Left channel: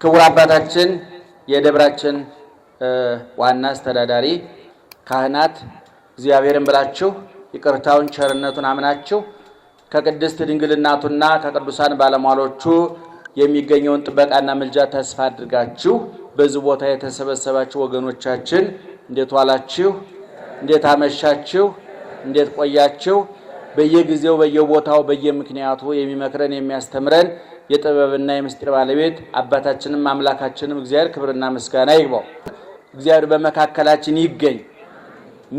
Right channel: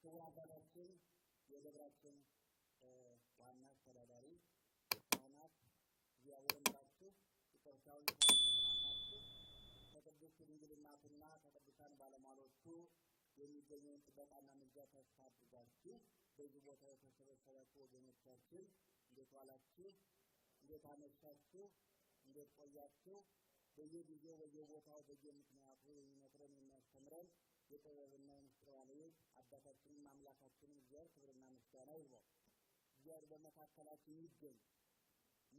ክቡር አባታችን የደብራችን ዋና አስተዳዳሪ ካህናት እግዚአብሔርን ብላችሁ ይቅርታውን ቸርነቱን አምናችሁ ከቅድስት ድንግል እናቱና ከቅዱሳን ባለሟሎቹ የሚገኘውን ጥበቃና ምልጃ ተስፋ አድርጋችሁ በዚህ ቦታ የተሰበሰባችሁ ወገኖቻችን እንዴት ዋላችሁ? እንዴት አመሻችሁ? እንዴት ቆያችሁ? በየጊዜው በየቦታው በየምክንያቱ የሚመክረን የሚያስተምረን የጥበብና የምስጢር ባለቤት አባታችንም አምላካችንም እግዚአብሔር ክብርና ምስጋና ይግባው። እግዚአብሔር በመካከላችን ይገኝ።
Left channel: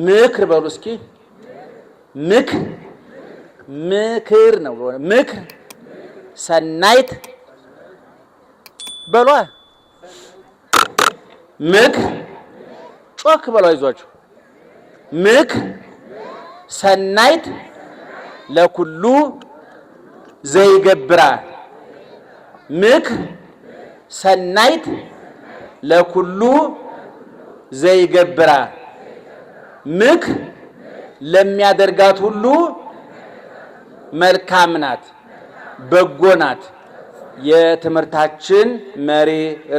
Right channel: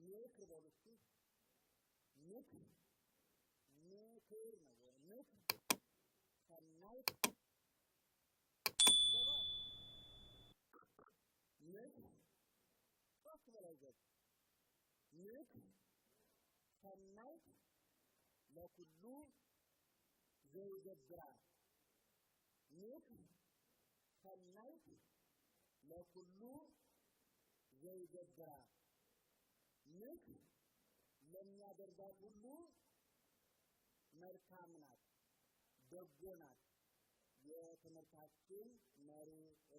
ምክር በሉ እስኪ። ምክር ነው። ምክር ሰናይት በሏ። ምክር ጮክ በሏ። ይዟችሁ ምክር ሰናይት ለኩሉ ዘይገብራ። ምክር ሰናይት ለኩሉ ዘይገብራ። ምክር ለሚያደርጋት ሁሉ መልካም ናት፣ በጎ ናት። የትምህርታችን መሪ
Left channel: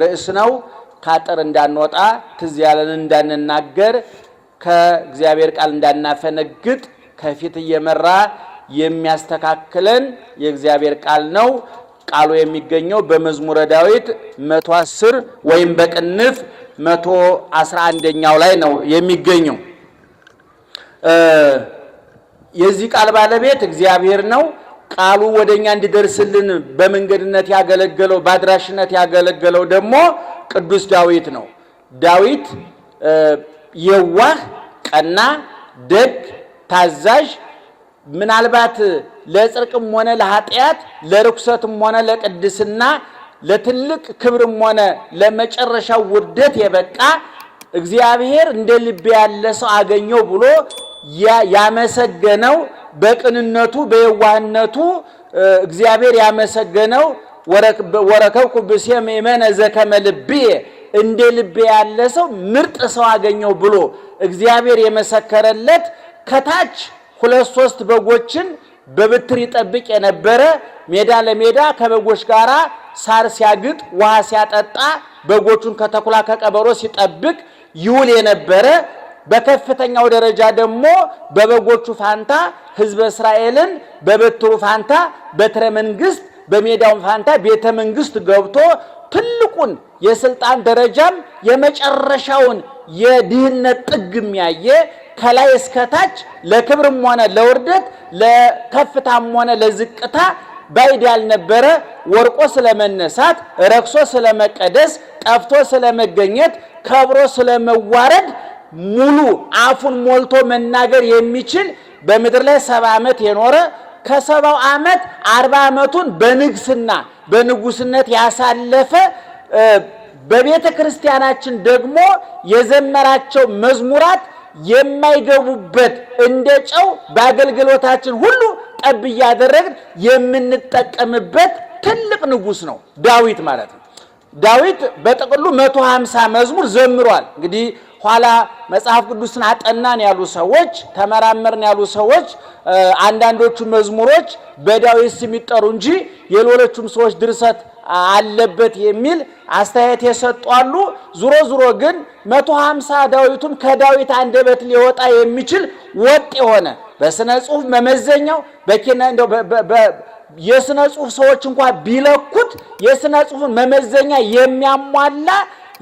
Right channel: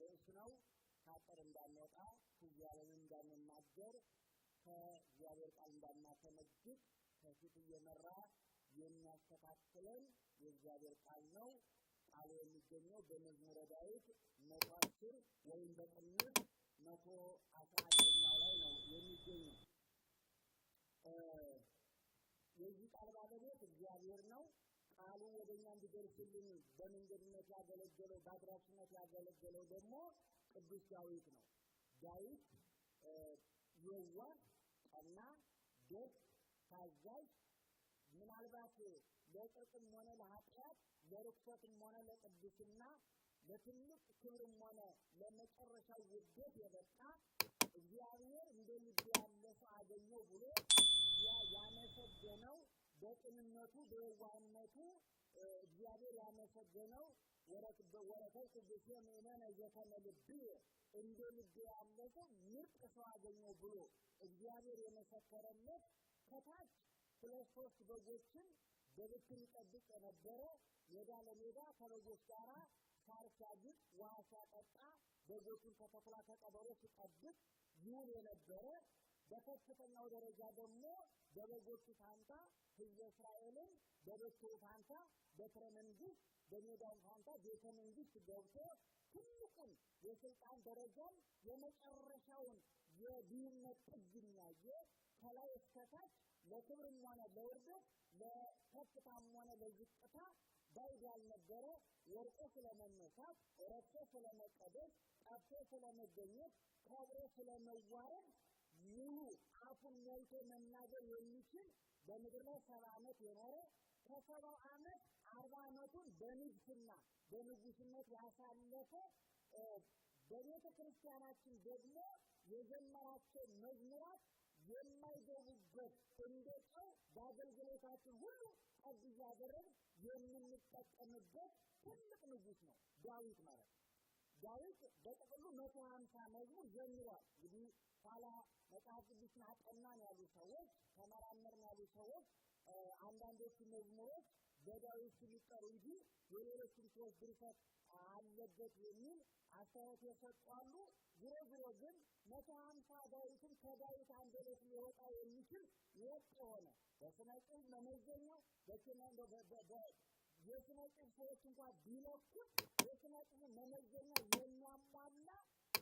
ርዕስ ነው። ካጠር እንዳንወጣ ትዝ ያለን እንዳንናገር ከእግዚአብሔር ቃል እንዳናፈነግጥ ከፊት እየመራ የሚያስተካክለን የእግዚአብሔር ቃል ነው። ቃሉ የሚገኘው በመዝሙረ ዳዊት 110 ወይም በቅንፍ 111ኛው ላይ ነው የሚገኘው። የዚህ ቃል ባለቤት እግዚአብሔር ነው። ቃሉ ወደኛ እንዲደርስልን በመንገድነት ያገለገለው በአድራሽነት ያገለገለው ደግሞ ቅዱስ ዳዊት ነው። ዳዊት የዋህ፣ ቀና፣ ደግ፣ ታዛዥ ምናልባት ለጽድቅም ሆነ ለኃጢአት ለርኩሰትም ሆነ ለቅድስና ለትልቅ ክብርም ሆነ ለመጨረሻው ውርደት የበቃ እግዚአብሔር እንደ ልብ ያለ ሰው አገኘው ብሎ ያመሰገነው በቅንነቱ በየዋህነቱ እግዚአብሔር ያመሰገነው ወረከብኩ ብእሴመ የመነ ዘከመ ልብየ እንደ ልብ ያለ ሰው ምርጥ ሰው አገኘው ብሎ እግዚአብሔር የመሰከረለት ከታች 2-3 በጎችን በብትር ይጠብቅ የነበረ ሜዳ ለሜዳ ከበጎች ጋራ ሳር ሲያግጥ ውሃ ሲያጠጣ በጎቹን ከተኩላ ከቀበሮ ሲጠብቅ ይውል የነበረ በከፍተኛው ደረጃ ደግሞ በበጎቹ ፋንታ ሕዝበ እስራኤልን በበትሩ ፋንታ በትረ መንግስት በሜዳው ፋንታ ቤተ መንግስት ገብቶ ትልቁን የስልጣን ደረጃም የመጨረሻውን የድህነት ጥግም ያየ ከላይ እስከታች ለክብርም ሆነ ለውርደት ለከፍታም ሆነ ለዝቅታ ባይድ ያልነበረ ወርቆ ስለመነሳት ረክሶ ስለመቀደስ ጠፍቶ ስለመገኘት ከብሮ ስለመዋረድ ሙሉ አፉን ሞልቶ መናገር የሚችል በምድር ላይ 70 ዓመት የኖረ ከ70 ዓመት 40 ዓመቱን በንግስና በንጉስነት ያሳለፈ በቤተ ክርስቲያናችን ደግሞ የዘመራቸው መዝሙራት የማይገቡበት እንደ ጨው በአገልግሎታችን ሁሉ ጠብ እያደረግን የምንጠቀምበት ትልቅ ንጉስ ነው ዳዊት ማለት ነው። ዳዊት በጥቅሉ 150 መዝሙር ዘምሯል። እንግዲህ ኋላ መጽሐፍ ቅዱስን አጠናን ያሉ ሰዎች ተመራመርን ያሉ ሰዎች አንዳንዶቹ መዝሙሮች በዳዊት ስም ይጠሩ እንጂ የሌሎቹም ሰዎች ድርሰት አለበት የሚል አስተያየት የሰጡ አሉ። ዙሮ ግን 150 ዳዊቱም ከዳዊት አንደበት ሊወጣ የሚችል ወጥ የሆነ በስነ ጽሁፍ መመዘኛው በኪነ እንደው የስነ ጽሁፍ ሰዎች እንኳን ቢለኩት የስነ ጽሁፍን መመዘኛ የሚያሟላ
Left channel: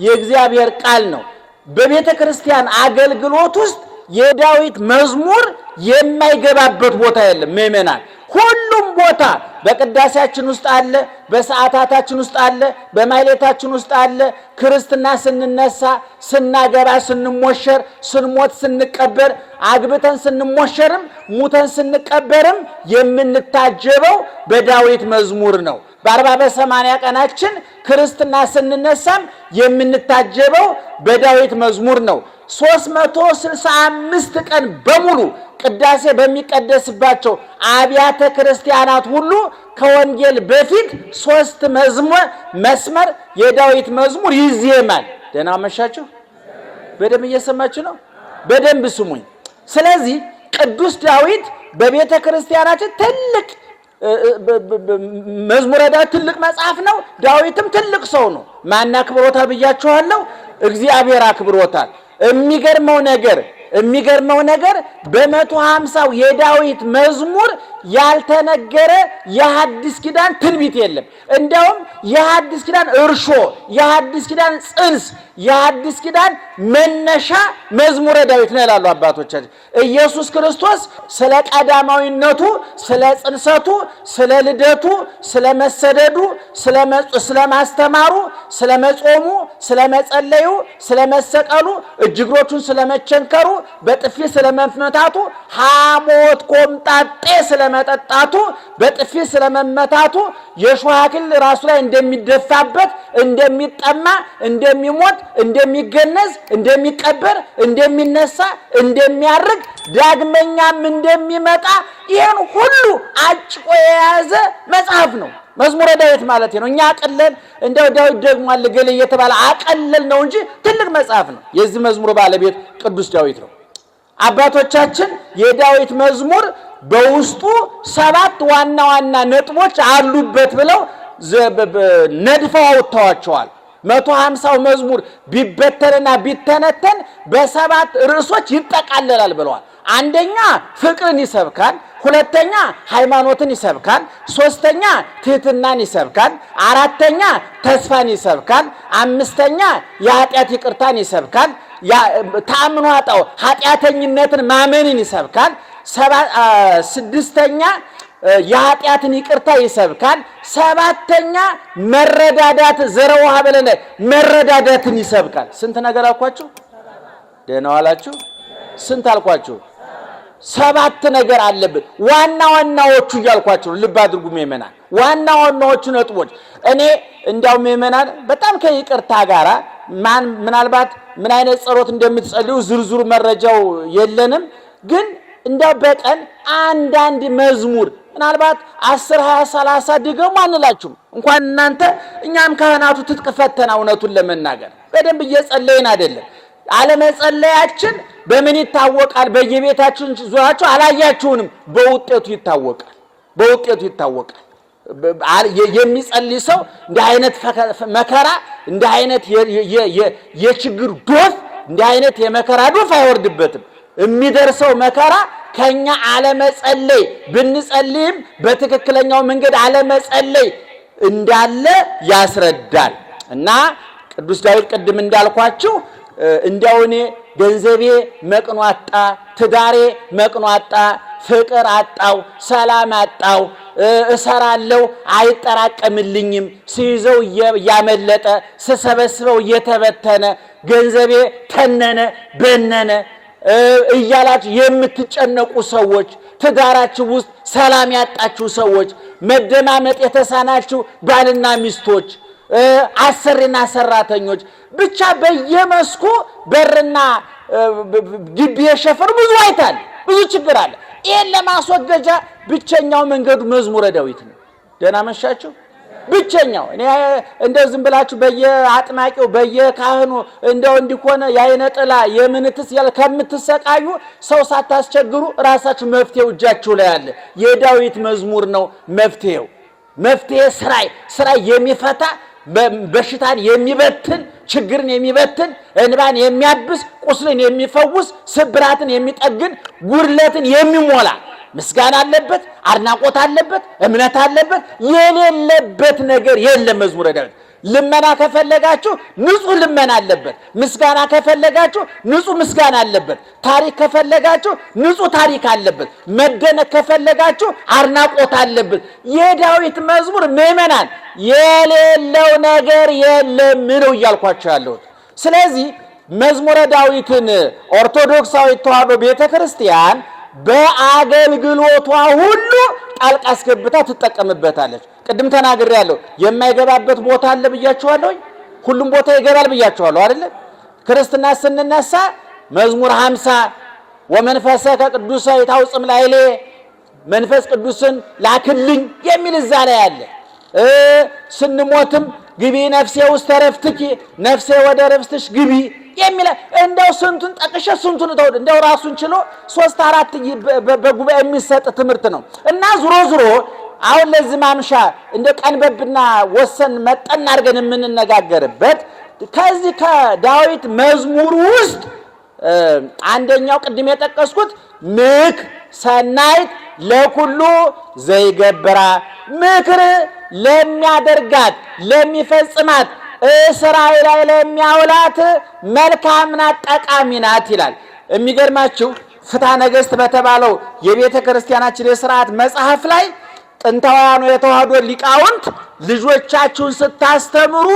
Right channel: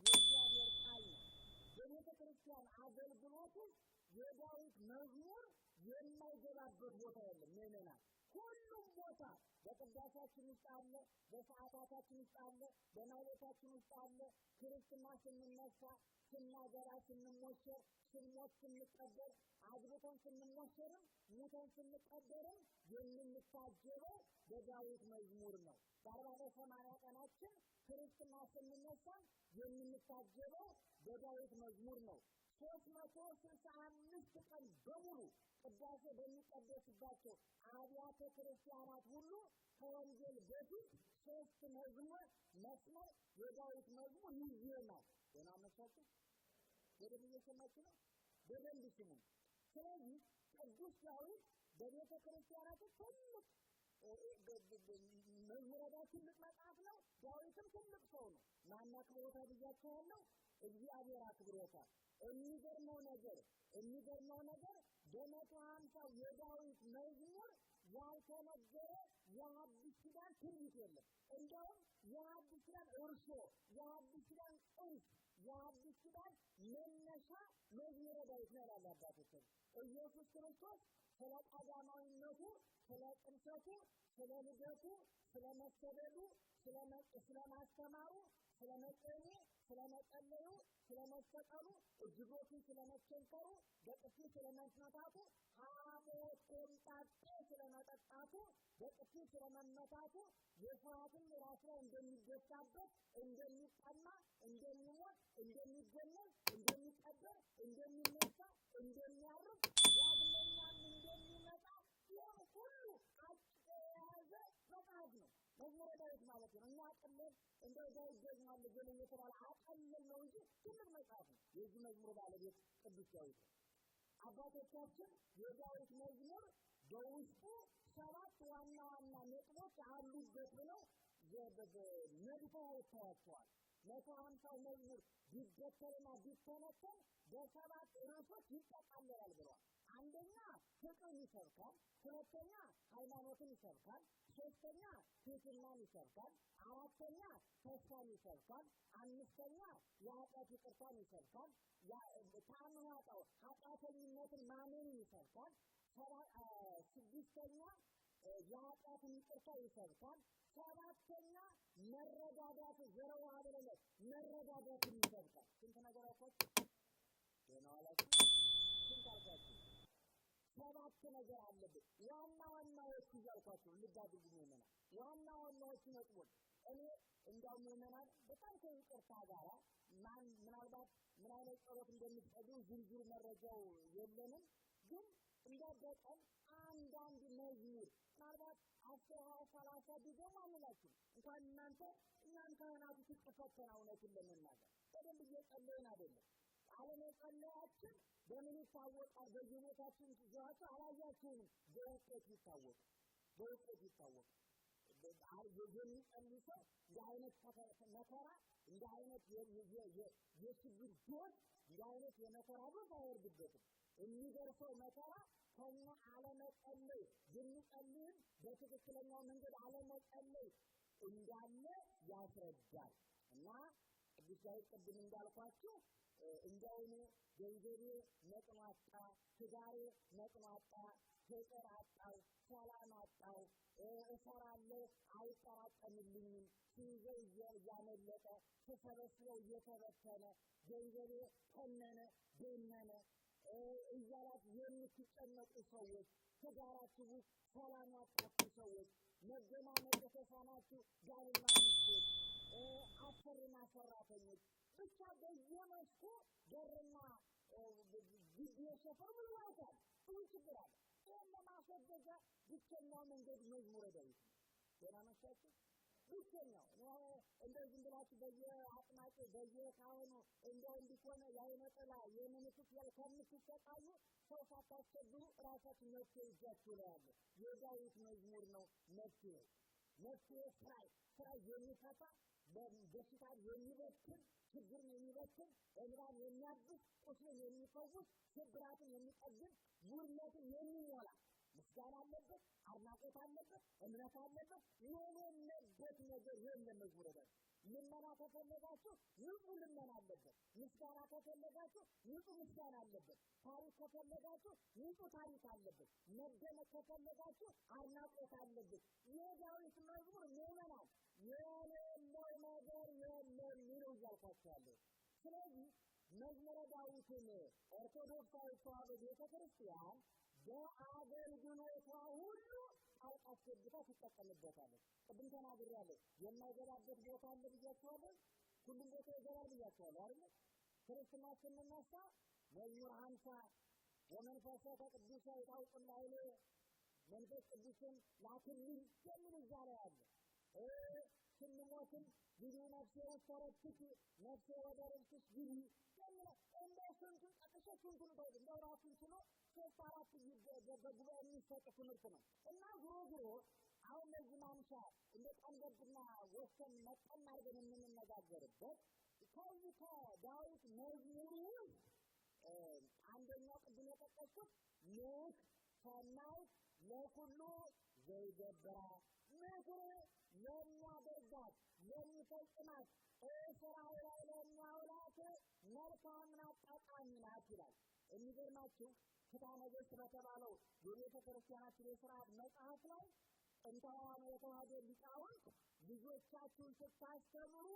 የእግዚአብሔር ቃል ነው። በቤተ ክርስቲያን አገልግሎት ውስጥ የዳዊት መዝሙር የማይገባበት ቦታ የለም። ምእመናን ሁሉም ቦታ በቅዳሴያችን ውስጥ አለ፣ በሰዓታታችን ውስጥ አለ፣ በማይሌታችን ውስጥ አለ። ክርስትና ስንነሳ፣ ስናገባ፣ ስንሞሸር፣ ስንሞት፣ ስንቀበር፣ አግብተን ስንሞሸርም ሙተን ስንቀበርም የምንታጀበው በዳዊት መዝሙር ነው። በ40 በ80 ቀናችን ክርስትና ስንነሳም የምንታጀበው በዳዊት መዝሙር ነው። 365 ቀን በሙሉ ቅዳሴ በሚቀደስባቸው አብያተ ክርስቲያናት ሁሉ ከወንጌል በፊት 3 መስመር የዳዊት መዝሙር ይዜማል። ደህና መሻችሁ? በደንብ እየሰማችሁ ነው? በደንብ ስሙኝ። ስለዚህ ቅዱስ ዳዊት በቤተ ክርስቲያናችን ትልቅ መዝሙረ ዳዊት ትልቅ መጽሐፍ ነው። ዳዊትም ትልቅ ሰው ነው። ማን አክብሮታል ብያችኋለሁ? እግዚአብሔር አክብሮታል። የሚገርመው ነገር በ150 የዳዊት መዝሙር ያልተነገረ የሐዲስ ኪዳን ትንቢት የለም። እንደውም የሐዲስ ኪዳን እርሾ፣ የሐዲስ ኪዳን ጽንስ፣ የሐዲስ ኪዳን መነሻ መዝሙረ ዳዊት ነው ይላሉ አባቶቻችን። ኢየሱስ ክርስቶስ ስለ ቀዳማዊነቱ፣ ስለ ጽንሰቱ፣ ስለ ልደቱ፣ ስለ መሰደዱ፣ ስለ ማስተማሩ፣ ስለ መጾሙ፣ ስለ መጸለዩ፣ ስለ መሰቀሉ፣ እጅግሮቹን ስለ መቸንከሩ፣ በጥፊ ስለ መመታቱ፣ ሐሞት ኮምጣጤ ስለ መጠጣቱ፣ በጥፊ ስለ መመታቱ፣ የሾህ አክሊል ራሱ ላይ እንደሚደፋበት፣ እንደሚጠማ፣ እንደሚሞት፣ እንደሚገነዝ፣ እንደሚቀበር፣ እንደሚነሳ፣ እንደሚያርግ፣ ዳግመኛም እንደሚመጣ ይህን ሁሉ አጭቆ የያዘ መጽሐፍ ነው መዝሙረ ዳዊት ማለት ነው። እኛ አቀለል እንደው ዳዊት ደግሞ አለገለ እየተባለ አቀለል ነው እንጂ ትልቅ መጽሐፍ ነው። የዚህ መዝሙር ባለቤት ቅዱስ ዳዊት ነው። አባቶቻችን የዳዊት መዝሙር በውስጡ 7 ዋና ዋና ነጥቦች አሉበት ብለው ነድፈው አውጥተዋቸዋል። 150 መዝሙር ቢበተንና ቢተነተን በ7 ርዕሶች ይጠቃለላል ብለዋል። አንደኛ ፍቅርን ይሰብካል፣ ሁለተኛ ሃይማኖትን ይሰብካል፣ ሶስተኛ ትህትናን ይሰብካል፣ አራተኛ ተስፋን ይሰብካል፣ አምስተኛ የኃጢአት ይቅርታን ይሰብካል፣ ታምኖ አጣው ኃጢአተኝነትን ማመንን ይሰብካል፣ ስድስተኛ የኃጢአትን ይቅርታ ይሰብካል፣ ሰባተኛ መረዳዳት ዘረውሃ በለለ መረዳዳትን ይሰብካል። ስንት ነገር አልኳችሁ? ደህና ዋላችሁ? ስንት አልኳችሁ? 7 ነገር አለበት። ዋና ዋናዎቹ እያልኳችሁ ልብ አድርጉ ምእመናን። ዋና ዋናዎቹ ነጥቦች እኔ እንዳው ምእመናን በጣም ከይቅርታ ጋራ ምናልባት ምን አይነት ጸሎት እንደምትጸልዩ ዝርዝሩ መረጃው የለንም፣ ግን እንዳው በቀን አንዳንድ መዝሙር ምናልባት 10 20 30 ድገሙ አንላችሁም። እንኳን እናንተ እኛም ካህናቱ ትጥቅ ፈተና እውነቱን ለመናገር በደንብ እየጸለይን አይደለም። አለመጸለያችን በምን ይታወቃል? በየቤታችን ዙራችሁ አላያችሁንም? በውጤቱ ይታወቃል። የሚጸልይ ሰው እንደ አይነት መከራ፣ እንደ አይነት የችግር ዶፍ፣ እንደ አይነት የመከራ ዶፍ አይወርድበትም። የሚደርሰው መከራ ከኛ አለመጸለይ ብንጸልይም በትክክለኛው መንገድ አለመጸለይ እንዳለ ያስረዳል። እና ቅዱስ ዳዊት ቅድም እንዳልኳችሁ እንዲያው እኔ ገንዘቤ መቅኖ አጣ፣ ትዳሬ መቅኖ አጣ፣ ፍቅር አጣው፣ ሰላም አጣው፣ እሰራለሁ አይጠራቀምልኝም፣ ሲይዘው ያመለጠ፣ ስሰበስበው እየተበተነ፣ ገንዘቤ ተነነ በነነ እያላችሁ የምትጨነቁ ሰዎች፣ ትዳራችሁ ውስጥ ሰላም ያጣችሁ ሰዎች፣ መደማመጥ የተሳናችሁ ባልና ሚስቶች፣ አሰሪና ሰራተኞች፣ ብቻ በየመስኩ በርና ግቢ የሸፈኑ ብዙ አይታል፣ ብዙ ችግር አለ። ይሄን ለማስወገጃ ብቸኛው መንገዱ መዝሙረ ዳዊት ነው። ደህና መሻችሁ? ብቸኛው እኔ እንደው ዝም ብላችሁ በየአጥማቂው በየካህኑ እንደው እንዲኮነ የአይነ ጥላ የምንትስ ያለ ከምትሰቃዩ ሰው ሳታስቸግሩ ራሳችሁ መፍትሄው እጃችሁ ላይ አለ። የዳዊት መዝሙር ነው መፍትሄው። መፍትሄ ስራይ የሚፈታ በሽታን የሚበትን ችግርን የሚበትን እንባን የሚያብስ ቁስልን የሚፈውስ ስብራትን የሚጠግን ጉድለትን የሚሞላ ምስጋና አለበት፣ አድናቆት አለበት፣ እምነት አለበት። የሌለበት ነገር የለም መዝሙረ ዳዊት። ልመና ከፈለጋችሁ ንጹህ ልመና አለበት። ምስጋና ከፈለጋችሁ ንጹህ ምስጋና አለበት። ታሪክ ከፈለጋችሁ ንጹህ ታሪክ አለበት። መደነቅ ከፈለጋችሁ አድናቆት አለበት። የዳዊት መዝሙር ምእመናን የሌለው ነገር የለም ነው እያልኳቸው ያለሁት። ስለዚህ መዝሙረ ዳዊትን ኦርቶዶክሳዊ ተዋሕዶ ቤተክርስቲያን በአገልግሎቷ ሁሉ ጣልቃ አስገብታ ትጠቀምበታለች። ቅድም ተናግሬያለሁ። የማይገባበት ቦታ አለ ብያችኋለሁ። ሁሉም ቦታ ይገባል ብያችኋለሁ አይደል? ክርስትና ስንነሳ መዝሙር 50 ወመንፈሰከ ቅዱሰ ይታውጽም ላይሌ መንፈስ ቅዱስን ላክልኝ የሚል እዛ ላይ አለ። ስንሞትም ግቢ ነፍሴ ውስጥ ተረፍትኪ ነፍሴ ወደ ረፍትሽ ግቢ የሚል እንደው ስንቱን ጠቅሼ ስንቱን ተውድ እንደው ራሱን ችሎ 3-4 በጉባኤ የሚሰጥ ትምህርት ነው። እና ዙሮ ዙሮ አሁን ለዚህ ማምሻ እንደ ቀንበብና ወሰን መጠን አድርገን የምንነጋገርበት ከዚህ ከዳዊት መዝሙር ውስጥ አንደኛው ቅድም የጠቀስኩት ምክ ሰናይት ለኩሉ ዘይገብራ ምክር ለሚያደርጋት ለሚፈጽማት እስራኤል ላይ ለሚያውላት መልካም ናት ጠቃሚ ናት ይላል። የሚገርማችሁ ፍትሐ ነገሥት በተባለው የቤተ ክርስቲያናችን የሥርዓት መጽሐፍ ላይ ጥንታውያኑ የተዋህዶ ሊቃውንት ልጆቻችሁን ስታስተምሩ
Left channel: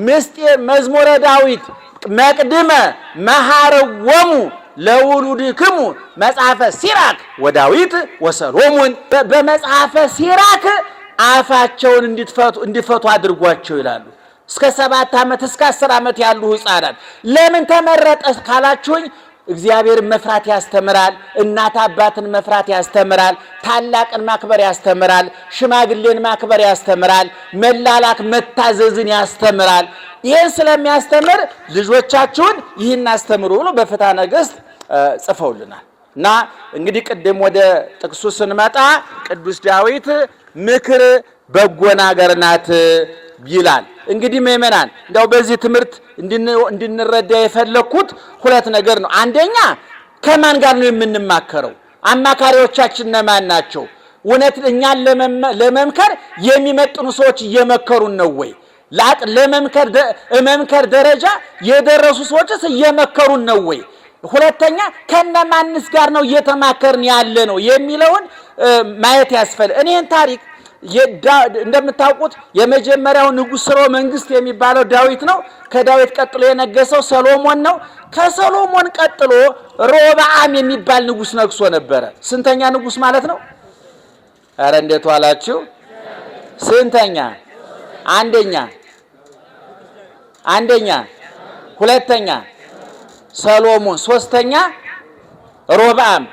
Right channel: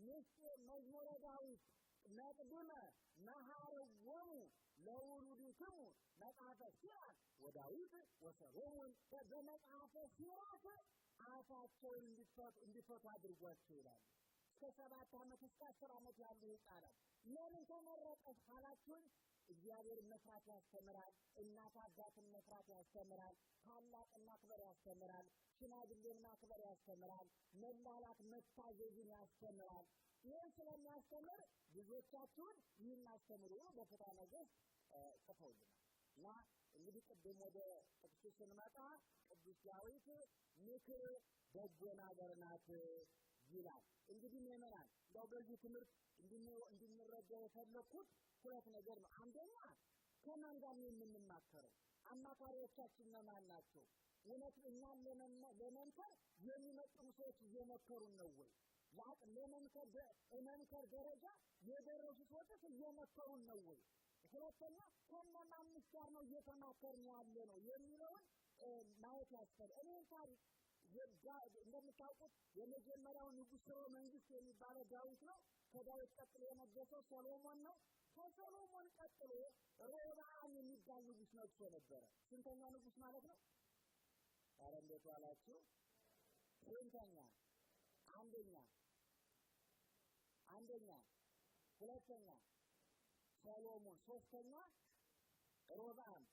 ምስጢር መዝሙረ ዳዊት መቅድመ መሐረወሙ ለውሉድክሙ መጽሐፈ ሲራክ ወዳዊት ወሰሎሞን በመጽሐፈ ሲራክ አፋቸውን እንዲፈቱ አድርጓቸው ይላሉ። እስከ 7 ዓመት እስከ 10 ዓመት ያሉ ሕፃናት ለምን ተመረጠ ካላችሁኝ እግዚአብሔርን መፍራት ያስተምራል፣ እናት አባትን መፍራት ያስተምራል፣ ታላቅን ማክበር ያስተምራል፣ ሽማግሌን ማክበር ያስተምራል፣ መላላክ መታዘዝን ያስተምራል። ይህን ስለሚያስተምር ልጆቻችሁን ይህን አስተምሩ ብሎ በፍትሐ ነገሥት ጽፈውልናል። እና እንግዲህ ቅድም ወደ ጥቅሱ ስንመጣ ቅዱስ ዳዊት ምክር በጎ ነገር ናት ይላል። እንግዲህ ምእመናን እንደው በዚህ ትምህርት እንድንረዳ የፈለኩት 2 ነገር ነው። አንደኛ ከማን ጋር ነው የምንማከረው? አማካሪዎቻችን እነማን ናቸው? እውነት እኛን ለመምከር የሚመጥኑ ሰዎች እየመከሩን ነው ወይ? ለመምከር ደረጃ የደረሱ ሰዎችስ እየመከሩን ነው ወይ? ሁለተኛ ከነማንስ ጋር ነው እየተማከርን ያለ ነው የሚለውን ማየት ያስፈልጋል። እኔን ታሪክ እንደምታውቁት የመጀመሪያው ንጉሥ ሥርወ መንግስት የሚባለው ዳዊት ነው። ከዳዊት ቀጥሎ የነገሰው ሰሎሞን ነው። ከሰሎሞን ቀጥሎ ሮብዓም የሚባል ንጉሥ ነግሶ ነበረ። ስንተኛ ንጉሥ ማለት ነው? ኧረ እንዴት ዋላችሁ? ስንተኛ? አንደኛ፣ ሁለተኛ ሰሎሞን፣ ሶስተኛ ሮብዓም።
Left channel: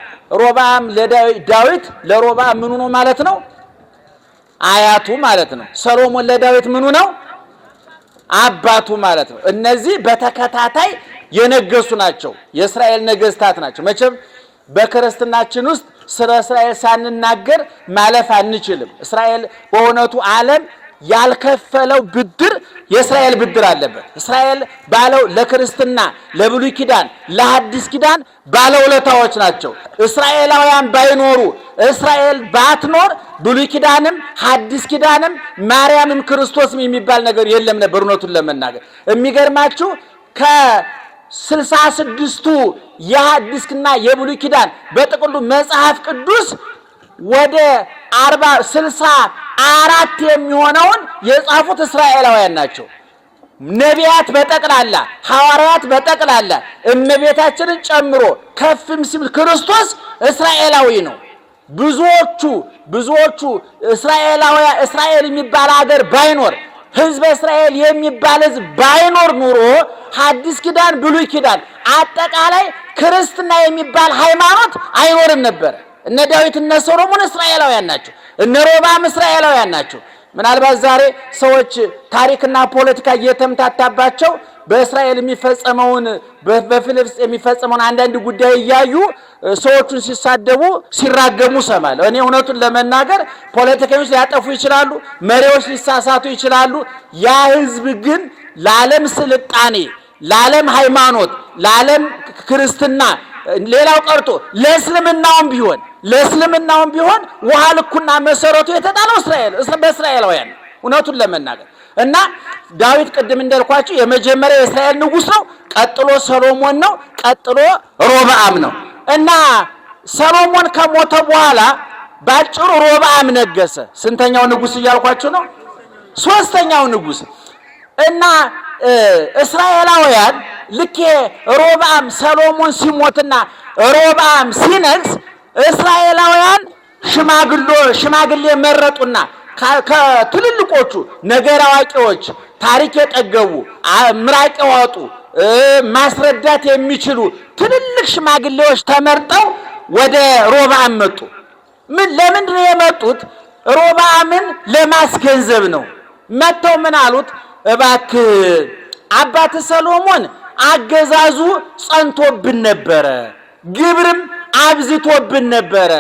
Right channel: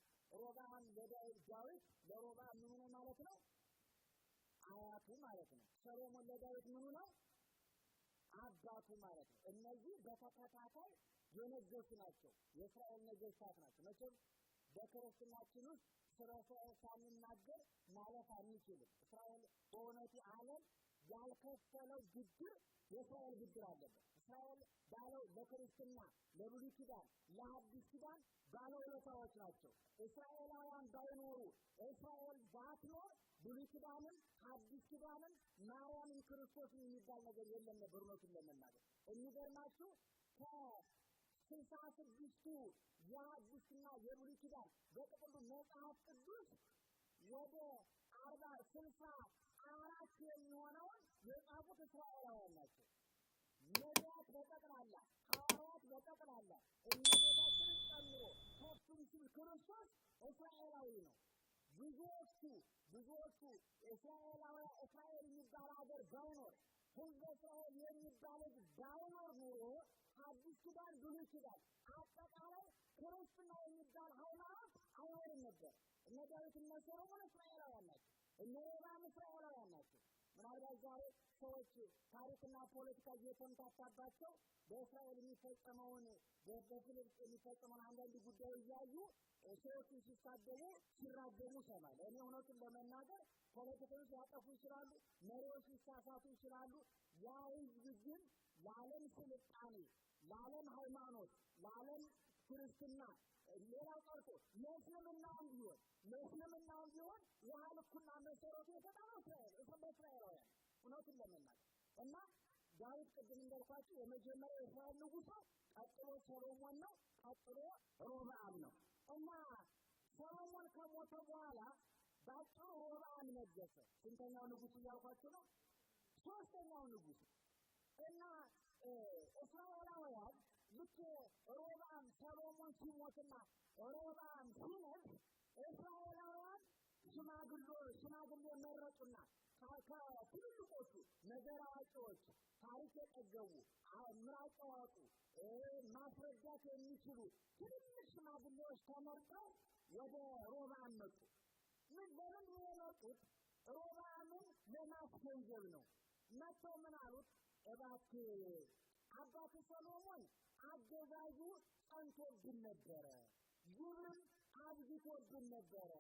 ሮብዓም ለዳዊት ለሮብዓም ምኑ ነው ማለት ነው? አያቱ ማለት ነው። ሰሎሞን ለዳዊት ምኑ ነው? አባቱ ማለት ነው። እነዚህ በተከታታይ የነገሱ ናቸው። የእስራኤል ነገስታት ናቸው። መቼም በክርስትናችን ውስጥ ስለ እስራኤል ሳንናገር ማለፍ አንችልም። እስራኤል በእውነቱ ዓለም ያልከፈለው ብድር የእስራኤል ብድር አለበት። እስራኤል ባለው ለክርስትና ለብሉይ ኪዳን ለሐዲስ ኪዳን ባለውለታዎች ናቸው። እስራኤላውያን ባይኖሩ እስራኤል ባትኖር ብሉይ ኪዳንም ሐዲስ ኪዳንም ማርያምም ክርስቶስም የሚባል ነገር የለም ነበር። እውነቱን ለመናገር የሚገርማችሁ ከ66ቱ የሐዲስና የብሉይ ኪዳን በጥቅሉ መጽሐፍ ቅዱስ ወደ 64 የሚሆነውን የጻፉት እስራኤላውያን ናቸው። ነቢያት በጠቅላላ ሐዋርያት በጠቅላላ እመቤታችንን ጨምሮ ከፍም ሲል ክርስቶስ እስራኤላዊ ነው። ብዙዎቹ እስራኤላውያን እስራኤል የሚባል ሀገር ባይኖር ህዝበ እስራኤል የሚባል ህዝብ ባይኖር ኑሮ ሐዲስ ኪዳን ብሉይ ኪዳን አጠቃላይ ክርስትና የሚባል ሃይማኖት አይኖርም ነበር። እነ ዳዊት እነ ሰሎሞን እስራኤላውያን ናቸው። እነ ሮብዓም እስራኤላውያን ናቸው። ምናልባት ዛሬ ሰዎች ታሪክና ፖለቲካ እየተምታታባቸው በእስራኤል የሚፈጸመውን በፊልስጤም የሚፈጸመውን አንዳንድ ጉዳይ እያዩ ሰዎቹን ሲሳደቡ ሲራገሙ ሰማለሁ። እኔ እውነቱን ለመናገር ፖለቲከኞች ሊያጠፉ ይችላሉ፣ መሪዎች ሊሳሳቱ ይችላሉ። ያ ህዝብ ግን ለዓለም ስልጣኔ፣ ለዓለም ሃይማኖት፣ ለዓለም ክርስትና ሌላው ቀርቶ ለእስልምናውም ቢሆን ውሃ ልኩና መሰረቱ የተጣለው በእስራኤላውያን እውነቱን ለመናገር እና ዳዊት ቅድም እንዳልኳችሁ የመጀመሪያው የእስራኤል ንጉሥ ነው። ቀጥሎ ሰሎሞን ነው። ቀጥሎ ሮብዓም ነው። እና ሰሎሞን ከሞተ በኋላ ባጭሩ ሮብዓም ነገሰ። ስንተኛው ንጉሥ እያልኳችሁ ነው? 3ኛው ንጉሥ። እና እስራኤላውያን ልክ ሮብዓም ሰሎሞን ሲሞትና ሮብዓም ሲነግስ እስራኤላውያን ሽማግሌ መረጡና ከትልልቆቹ ነገር አዋቂዎች ታሪክ የጠገቡ ምራቅ ያወጡ ማስረዳት የሚችሉ ትልልቅ ሽማግሌዎች ተመርጠው ወደ ሮብዓም መጡ። ለምንድን ነው የመጡት? ሮብዓምን ለማስገንዘብ ነው። መጥተው ምን አሉት? እባክህ አባት ሰሎሞን አገዛዙ ጸንቶብን ነበረ፣ ግብርም አብዝቶብን ነበረ።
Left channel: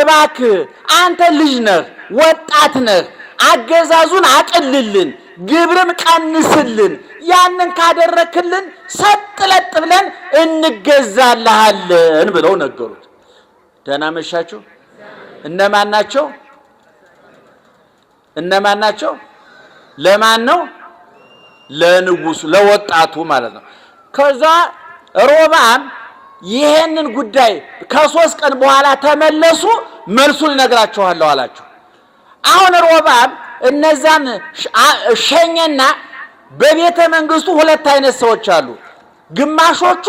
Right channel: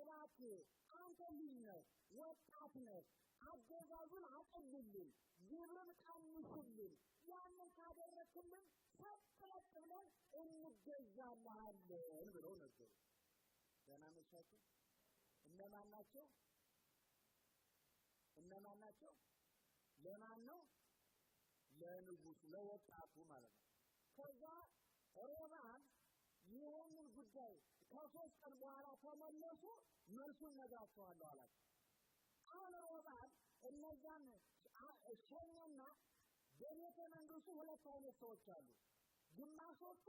እባክህ አንተ ልጅ ነህ፣ ወጣት ነህ፣ አገዛዙን አቅልልን፣ ግብርም ቀንስልን። ያንን ካደረክልን ሰጥለጥ ብለን እንገዛልሃለን ብለው ነገሩት። ደህና መሻችሁ። እነማን ናቸው? እነማን ናቸው? ለማን ነው? ለንጉሱ፣ ለወጣቱ ማለት ነው። ከዛ ሮብዓም ይሄንን ጉዳይ ከ3 ቀን በኋላ ተመለሱ፣ መልሱን እነግራችኋለሁ አላቸው። አሁን ሮብዓም እነዛን ሸኘና በቤተ መንግስቱ 2 አይነት ሰዎች አሉ። ግማሾቹ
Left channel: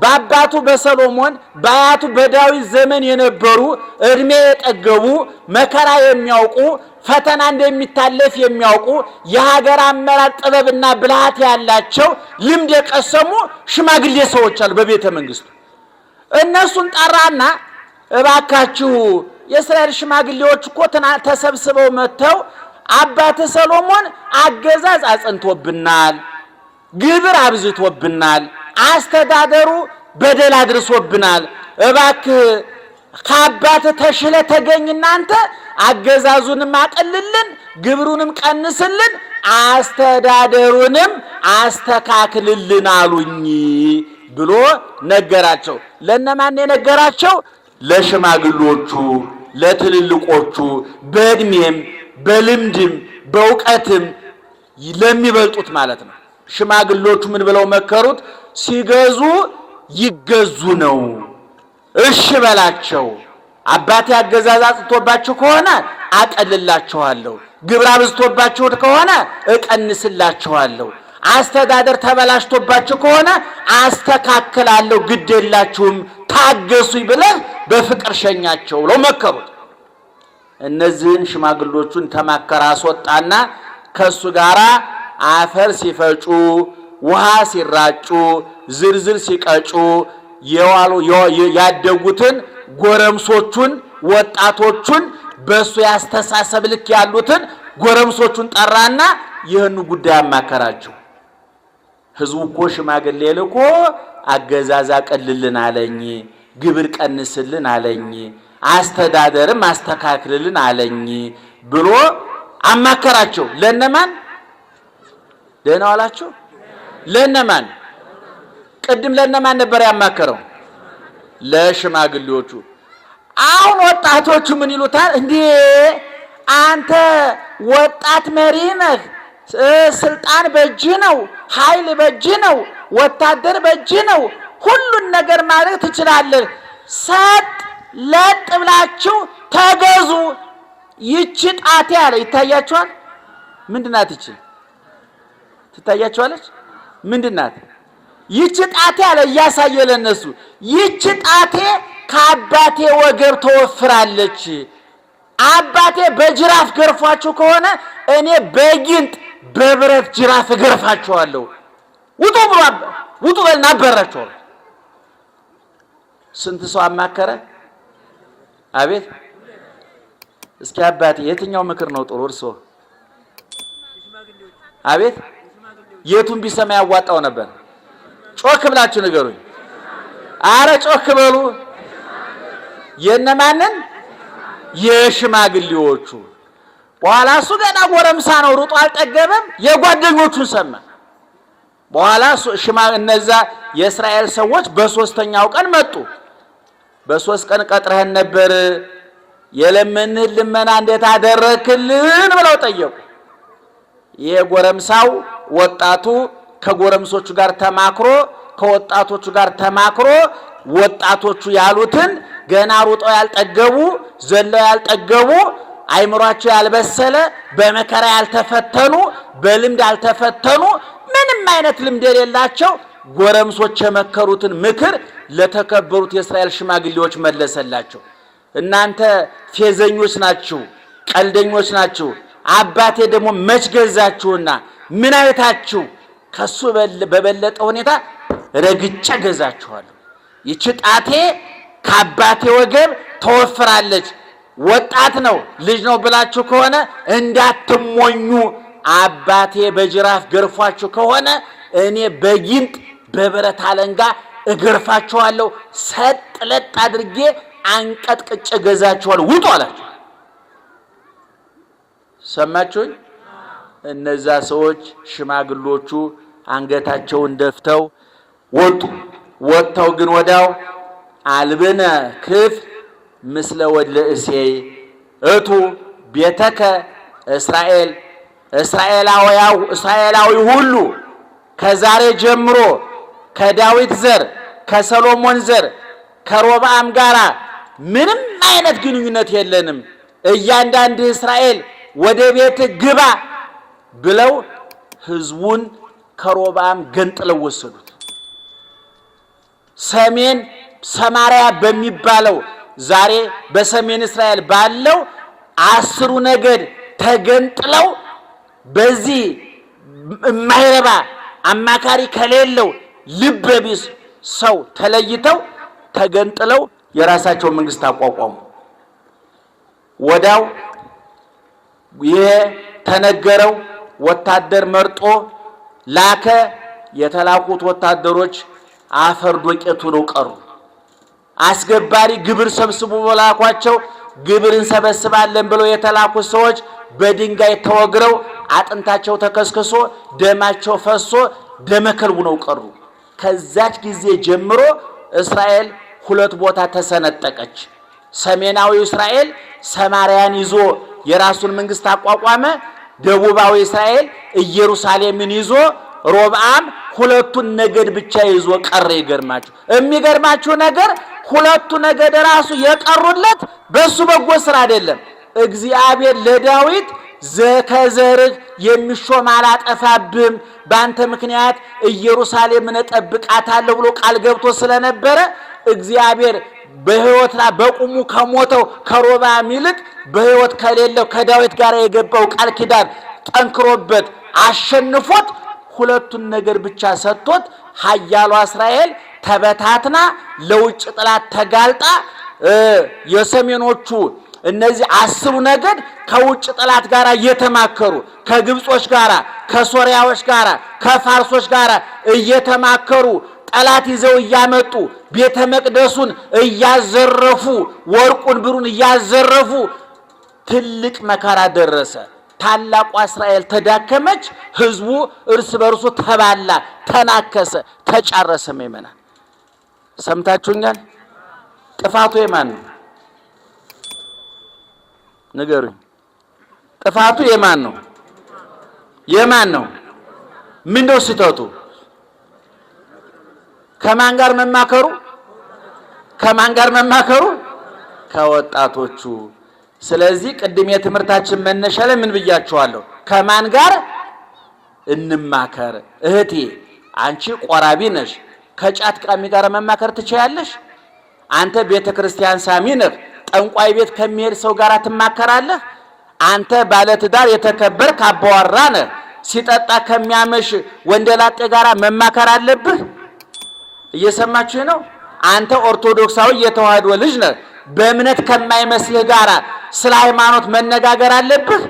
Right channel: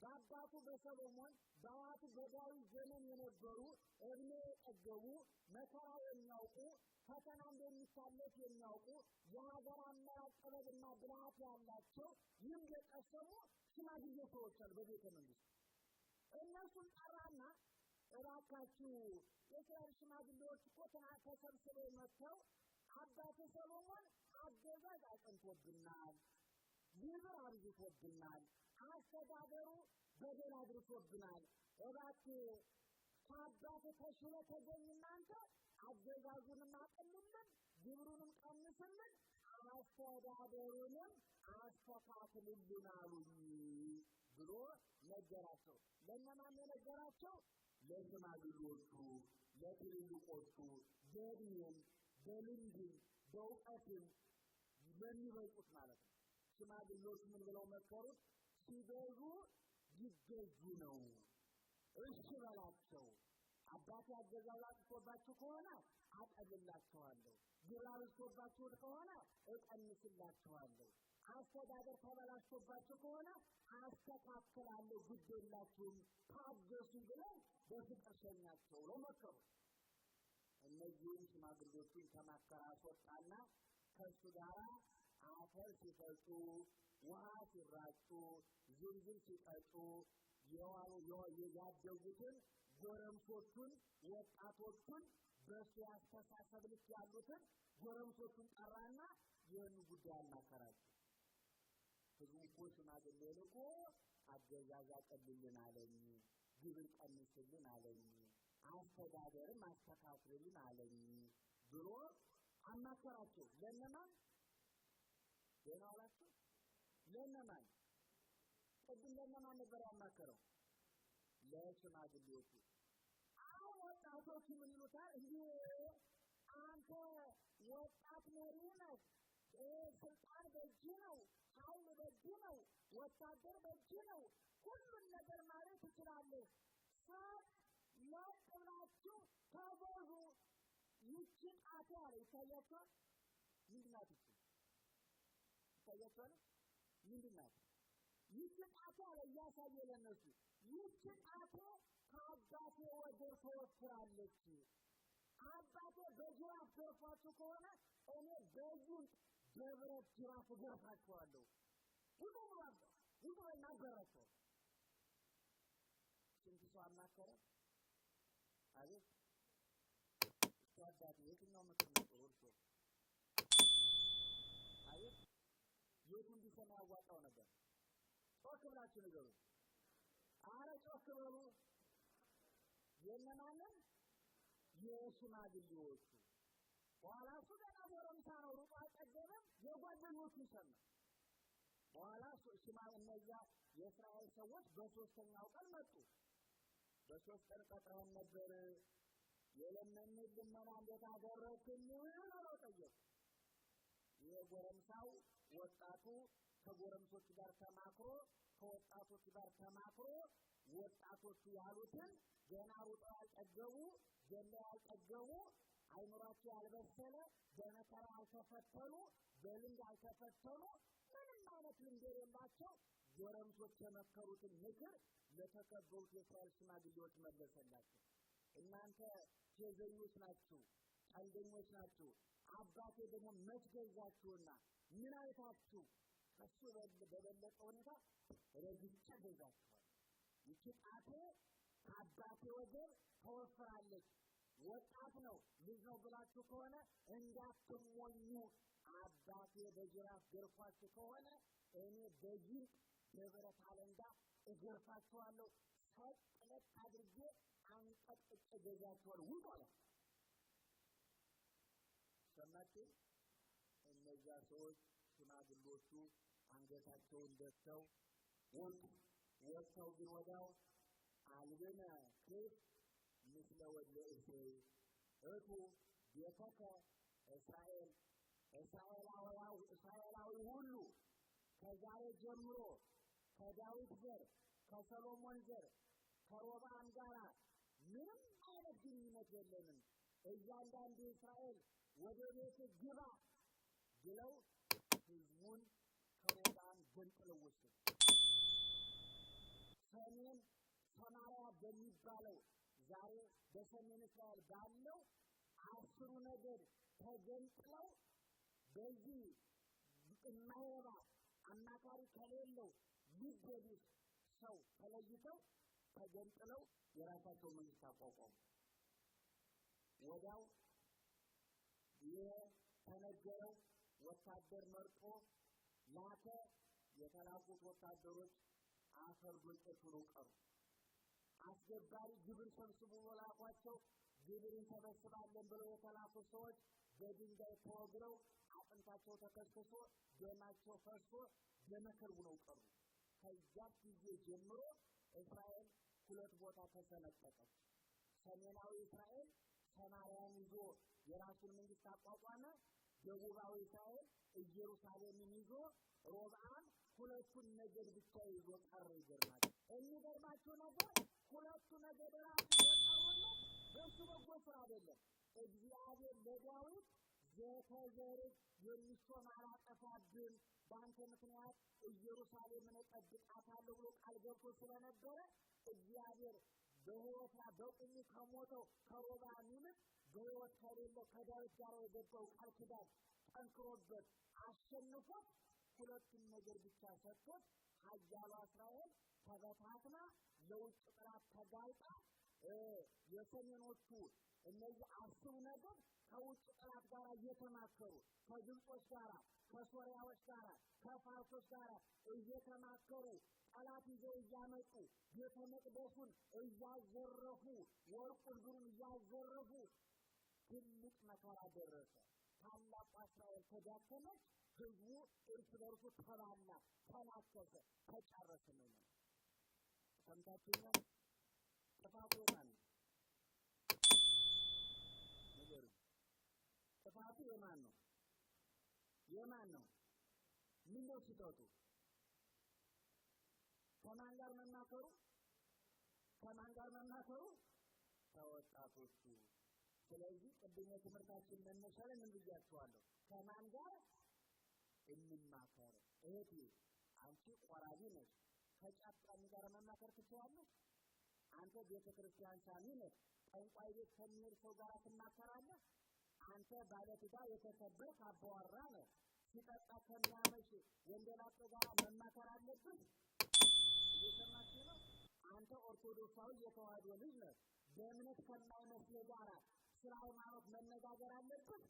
በአባቱ በሰሎሞን በአያቱ በዳዊት ዘመን የነበሩ እድሜ የጠገቡ መከራ የሚያውቁ ፈተና እንደሚታለፍ የሚያውቁ የሀገር አመራር ጥበብና ብልሃት ያላቸው ልምድ የቀሰሙ ሽማግሌ ሰዎች አሉ በቤተ መንግስቱ። እነሱን ጠራና እባካችሁ የእስራኤል ሽማግሌዎች እኮ ተሰብስበው መጥተው አባተ ሰሎሞን አገዛዝ አጽንቶብናል፣ ግብር አብዝቶብናል፣ አስተዳደሩ በደል አድርሶብናል። እባክህ ከአባት ተሽለ ተገኝና አንተ አገዛዙንም አቅልልን፣ ግብሩንም ቀንስልን፣ አስተዳደሩንም አስተካክልልን አሉኝ ብሎ ነገራቸው። ለነማን የነገራቸው? ለሽማግሎቹ፣ ለትልልቆቹ፣ በእድሜም በልምድም በእውቀትም ለሚበልጡት ማለት ነው። ሽማግሎቹ ምን ብለው መከሩት? ሲገዙ ይገዙ ነው። እሺ በላቸው። አባቴ አገዛዝ አጽንቶባችሁ ከሆነ አቀልላችኋለሁ፣ ግብር አብዝቶባችሁ ከሆነ እቀንስላችኋለሁ፣ አስተዳደር ተበላሽቶባችሁ ከሆነ አስተካክላለሁ፣ ግድ የላችሁም ታገሱኝ ብለህ በፍቅር ሸኛቸው ብለው መከሩት። እነዚህን ሽማግሎቹን ተማከራ አስወጣና ከሱ ጋር አፈር ሲፈጩ፣ ውሃ ሲራጩ፣ ዝርዝር ሲቀጩ የዋሉ ያደጉትን ጎረምሶቹን ወጣቶቹን በሱ ያስተሳሰብ ልክ ያሉትን ጎረምሶቹን ጠራና ይህን ጉዳይ አማከራቸው። ህዝቡ እኮ ሽማግሌ ልኮ አገዛዝ አቀልልን አለኝ፣ ግብር ቀንስልን አለኝ፣ አስተዳደርም አስተካክልልን አለኝ ብሎ አማከራቸው። ለነማን? ደህና ዋላችሁ። ለነማን? ቅድም ለነማን ነበር ያማከረው? ለሽማግሌዎቹ። አሁን ወጣቶቹ ምን ይሉታል? እንዴ አንተ ወጣት መሪ ነህ፣ ስልጣን በእጅ ነው፣ ኃይል በእጅ ነው፣ ወታደር በእጅ ነው፣ ሁሉን ነገር ማድረግ ትችላለህ። ሰጥ ለጥ ብላችሁ ተገዙ። ይቺ ጣቴ አለ ይታያችኋል። ምንድናት ይቺ? ትታያችኋለች? ምንድናት ይቺ ጣቴ አለ እያሳየ ለነሱ። ይቺ ጣቴ ከአባቴ ወገብ ተወፍራለች። አባቴ በጅራፍ ገርፏችሁ ከሆነ እኔ በጊንጥ በብረት ጅራፍ እገርፋችኋለሁ። ውጡ ብሎ ውጡ በልና አበራችኋለሁ። ስንት ሰው አማከረ? አቤት። እስኪ አባቴ የትኛው ምክር ነው ጥሩ? እርሶ አቤት የቱን ቢሰማ ያዋጣው ነበር? ጮክ ብላችሁ ንገሩኝ። አረ ጮክ በሉ። የነማንን? የሽማግሌዎቹ። በኋላ እሱ ገና ጎረምሳ ነው፣ ሩጦ አልጠገበም። የጓደኞቹን ሰማ። በኋላ እነዛ የእስራኤል ሰዎች በሶስተኛው ቀን መጡ። በ3 ቀን ቀጥረህን ነበር፣ የለመንህን ልመና እንዴት አደረክልን ብለው ጠየቁ። ይሄ ጎረምሳው ወጣቱ ከጎረምሶቹ ጋር ተማክሮ ከወጣቶቹ ጋር ተማክሮ ወጣቶቹ ያሉትን ገና ሩጠው ያልጠገቡ ዘለው ያልጠገቡ አይምሯቸው ያልበሰለ በመከራ ያልተፈተኑ በልምድ ያልተፈተኑ ምንም አይነት ልምድ የሌላቸው ጎረምሶች የመከሩትን ምክር ለተከበሩት የእስራኤል ሽማግሌዎች መለሰላቸው። እናንተ ፌዘኞች ናችሁ፣ ቀልደኞች ናችሁ። አባቴ ደግሞ መች ገዛችሁና ምን አይታችሁ ከሱ በበለጠ ሁኔታ ረግጬ ገዛችኋለሁ። ይቺ ጣቴ ከአባቴ ወገብ ተወፍራለች። ወጣት ነው ልጅ ነው ብላችሁ ከሆነ እንዳትሞኙ። አባቴ በጅራፍ ገርፏችሁ ከሆነ እኔ በጊንጥ በብረት አለንጋ እገርፋችኋለሁ። ሰጥ ለጥ አድርጌ አንቀጥቅጬ ገዛችኋለሁ። ውጡ አላቸው። ሰማችሁኝ? እነዛ ሰዎች ሽማግሎቹ አንገታቸውን ደፍተው ወጡ። ወጥተው ግን ወዳው አልብነ ክፍ ምስለ ወድለ እሴይ እቱ ቤተከ እስራኤል እስራኤላዊ ሁሉ ከዛሬ ጀምሮ ከዳዊት ዘር ከሰሎሞን ዘር ከሮብዓም ጋራ ምንም አይነት ግንኙነት የለንም። እያንዳንዱ እስራኤል ወደ ቤት ግባ ብለው ህዝቡን ከሮብዓም ገንጥለው ወሰዱት። ሰሜን ሰማርያ በሚባለው ዛሬ በሰሜን እስራኤል ባለው 10 ነገድ ተገንጥለው በዚህ የማይረባ አማካሪ ከሌለው ልበቢስ ሰው ተለይተው ተገንጥለው የራሳቸው መንግስት አቋቋሙ። ወዳው የተነገረው ወታደር መርጦ ላከ። የተላኩት ወታደሮች አፈር ዶቄቱ ነው ቀሩ። አስገባሪ ግብር ሰብስቡ በላኳቸው ግብር እንሰበስባለን ብለው የተላኩት ሰዎች በድንጋይ ተወግረው አጥንታቸው ተከስክሶ ደማቸው ፈሶ ደመከልቡ ነው ቀሩ። ከዛች ጊዜ ጀምሮ እስራኤል 2 ቦታ ተሰነጠቀች። ሰሜናዊ እስራኤል ሰማርያን ይዞ የራሱን መንግስት አቋቋመ። ደቡባዊ እስራኤል ኢየሩሳሌምን ይዞ ሮብዓም 2ቱን ነገድ ብቻ ይዞ ቀረ። ይገርማችሁ የሚገርማችሁ ነገር 2ቱ ነገድ ራሱ የቀሩለት በሱ በጎ ስራ አይደለም። እግዚአብሔር ለዳዊት ከዘርህ የሚሾም አላጠፋብህም፣ በአንተ ምክንያት ኢየሩሳሌምን እጠብቃታለሁ ብሎ ቃል ገብቶ ስለነበረ እግዚአብሔር በሕይወትና በቁሙ ከሞተው ከሮብዓም ይልቅ በሕይወት ከሌለው ከዳዊት ጋር የገባው ቃል ኪዳን ጠንክሮበት አሸንፎት 2ቱን ነገር ብቻ ሰጥቶት ኃያሏ እስራኤል ተበታትና ለውጭ ጥላት ተጋልጣ የሰሜኖቹ እነዚህ 10 ነገድ ከውጭ ጥላት ጋር እየተማከሩ ከግብጾች ጋር ከሶሪያዎች ጋር ከፋርሶች ጋር እየተማከሩ ጠላት ይዘው እያመጡ ቤተ መቅደሱን እያዘረፉ ወርቁን ብሩን እያዘረፉ ትልቅ መከራ ደረሰ። ታላቋ እስራኤል ተዳከመች። ህዝቡ እርስ በርሱ ተባላ፣ ተናከሰ፣ ተጫረሰ። መመና ሰምታችሁኛል? ጥፋቱ የማን ነው? ንገሩኝ። ጥፋቱ የማን ነው? የማን ነው? ምንድነው ስህተቱ? ከማን ጋር መማከሩ? ከማን ጋር መማከሩ? ከወጣቶቹ። ስለዚህ ቅድም የትምህርታችን መነሻ ላይ ምን ብያችኋለሁ? ከማን ጋር እንማከር? እህቴ አንቺ ቆራቢ ነሽ፣ ከጫት ቃሚ ጋር መማከር ትችያለሽ? አንተ ቤተ ክርስቲያን ሳሚ ነህ፣ ጠንቋይ ቤት ከሚሄድ ሰው ጋር ትማከራለህ? አንተ ባለትዳር የተከበርክ አባወራ ነህ፣ ሲጠጣ ከሚያመሽ ወንደላጤ ጋር መማከር አለብህ? እየሰማችሁ ነው? አንተ ኦርቶዶክሳዊ የተዋህዶ ልጅ ነህ፣ በእምነት ከማይመስልህ ጋር ስለ ሃይማኖት መነጋገር አለብህ?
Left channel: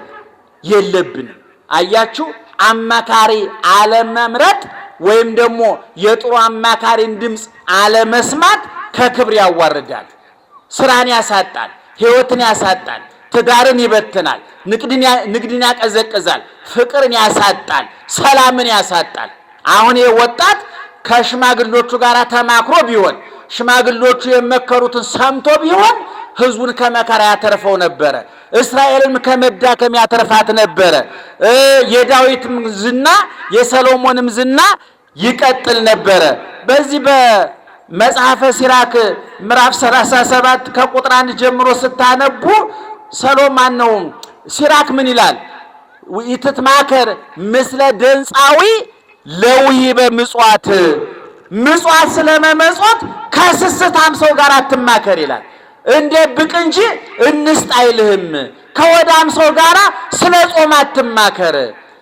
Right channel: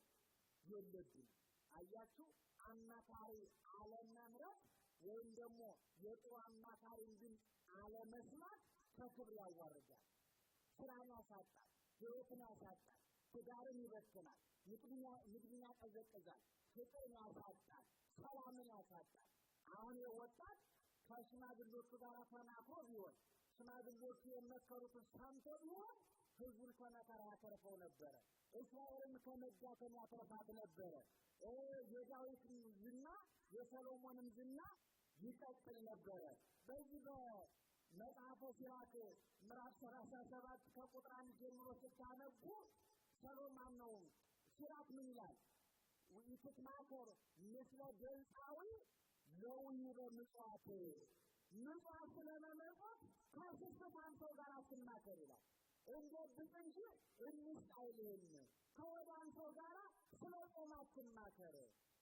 የለብንም። አያችሁ፣ አማካሪ አለመምረጥ ወይም ደግሞ የጥሩ አማካሪን ድምፅ አለመስማት ከክብር ያዋርዳል፣ ስራን ያሳጣል፣ ህይወትን ያሳጣል፣ ትዳርን ይበትናል፣ ንግድን ያቀዘቅዛል፣ ፍቅርን ያሳጣል፣ ሰላምን ያሳጣል። አሁን ይህ ወጣት ከሽማግሎቹ ጋር ተማክሮ ቢሆን ሽማግሎቹ የመከሩትን ሰምቶ ቢሆን ህዝቡን ከመከራ ያተርፈው ነበረ። እስራኤልን ከመዳከም ያተርፋት ነበረ። የዳዊትም ዝና የሰሎሞንም ዝና ይቀጥል ነበረ። በዚህ በመጽሐፈ ሲራክ ምዕራፍ 37 ከቁጥር 1 ጀምሮ ስታነቡ ሰሎሞን ነው ሲራክ ምን ይላል? ይትትማከር ምስለ ደንፃዊ ለውሂበ ምጽዋት፣ ምጽዋት ስለመመጽወት ከስስታም ሰው ጋር አትማከር ይላል። እንደብቅ እንጂ እንስጥ አይልህም። ከወዳም ሰው ጋራ ስለ ጾም አትማከር።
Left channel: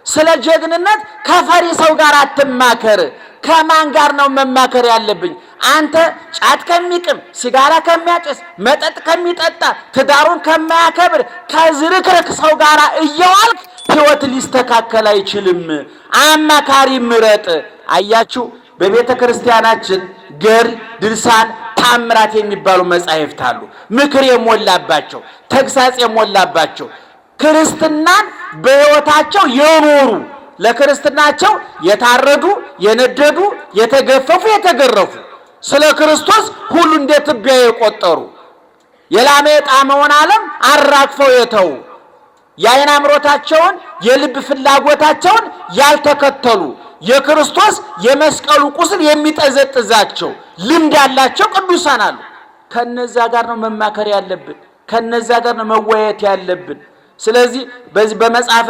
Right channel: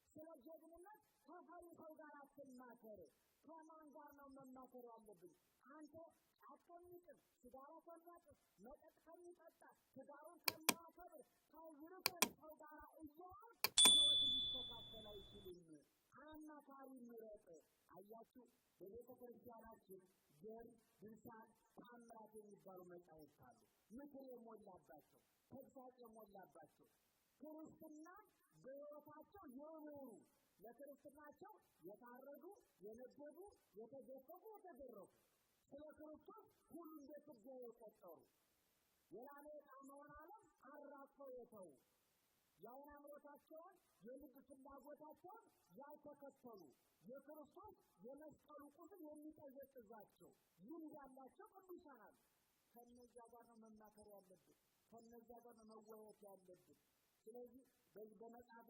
ስለ ጀግንነት ከፈሪ ሰው ጋር አትማከር። ከማን ጋር ነው መማከር ያለብኝ? አንተ ጫት ከሚቅም፣ ሲጋራ ከሚያጨስ፣ መጠጥ ከሚጠጣ፣ ትዳሩን ከማያከብር ከዝርክርክ ሰው ጋር እየዋልክ ሕይወት ሊስተካከል አይችልም። አማካሪ ምረጥ። አያችሁ፣ በቤተ ክርስቲያናችን ገድል፣ ድርሳን፣ ታምራት የሚባሉ መጻሕፍት አሉ። ምክር የሞላባቸው፣ ተግሳጽ የሞላባቸው ክርስትናን በሕይወታቸው የኖሩ ለክርስትናቸው የታረዱ፣ የነደዱ፣ የተገፈፉ፣ የተገረፉ ስለ ክርስቶስ ሁሉ እንደ ትቢያ የቆጠሩ የላመ የጣመውን ዓለም አራግፈው የተው የዓይን አምሮታቸውን የልብ ፍላጎታቸውን ያልተከተሉ የክርስቶስ የመስቀሉ ቁስል የሚጠዘጥዛቸው ልምድ ያላቸው ቅዱሳን አሉ። ከነዛ ጋር ነው መማከር ያለብን። ከነዛ ጋር ነው መወያየት ያለብን። ስለዚህ በዚህ በመጽሐፈ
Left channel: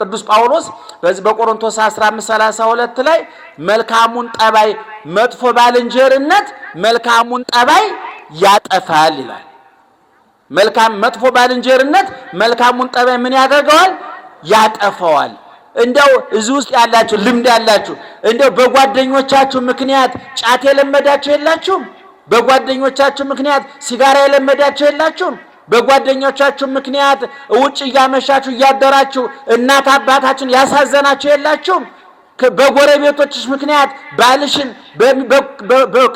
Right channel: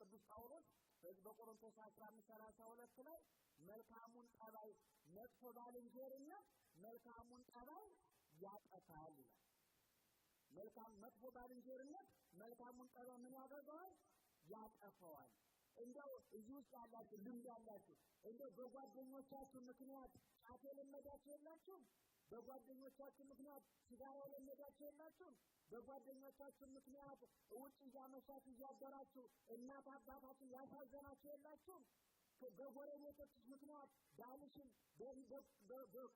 ቅዱስ ጳውሎስ በዚህ በቆሮንቶስ 15:32 ላይ መልካሙን ጠባይ መጥፎ ባልንጀርነት መልካሙን ጠባይ ያጠፋል ይላል። መጥፎ ባልንጀርነት መልካሙን ጠባይ ምን ያደርገዋል? ያጠፋዋል። እንደው እዚህ ውስጥ ያላችሁ ልምድ ያላችሁ እንደው በጓደኞቻችሁ ምክንያት ጫት የለመዳችሁ የላችሁም? በጓደኞቻችሁ ምክንያት ሲጋራ የለመዳችሁ የላችሁም? በጓደኞቻችሁ ምክንያት ውጭ እያመሻችሁ እያደራችሁ እናት አባታችሁን ያሳዘናችሁ የላችሁም? በጎረቤቶችሽ ምክንያት ባልሽን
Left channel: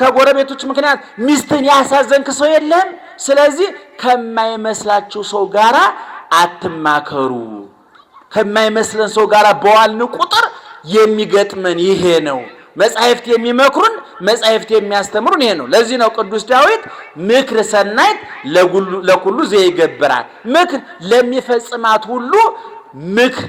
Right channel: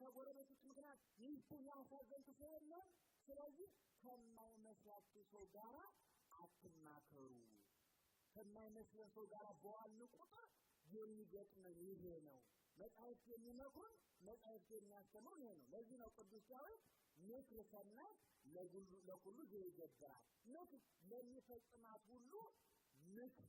ከጎረቤቶች ምክንያት ሚስትን ያሳዘንክ ሰው የለም? ስለዚህ ከማይመስላችሁ ሰው ጋራ አትማከሩ። ከማይመስለን ሰው ጋራ በዋልን ቁጥር የሚገጥመን ይሄ ነው። መጻሕፍት የሚመክሩን መጻሕፍት የሚያስተምሩን ይሄ ነው። ለዚህ ነው ቅዱስ ዳዊት ምክር ሰናይት ለኩሉ ዘይገብራል፣ ምክር ለሚፈጽማት ሁሉ ምክር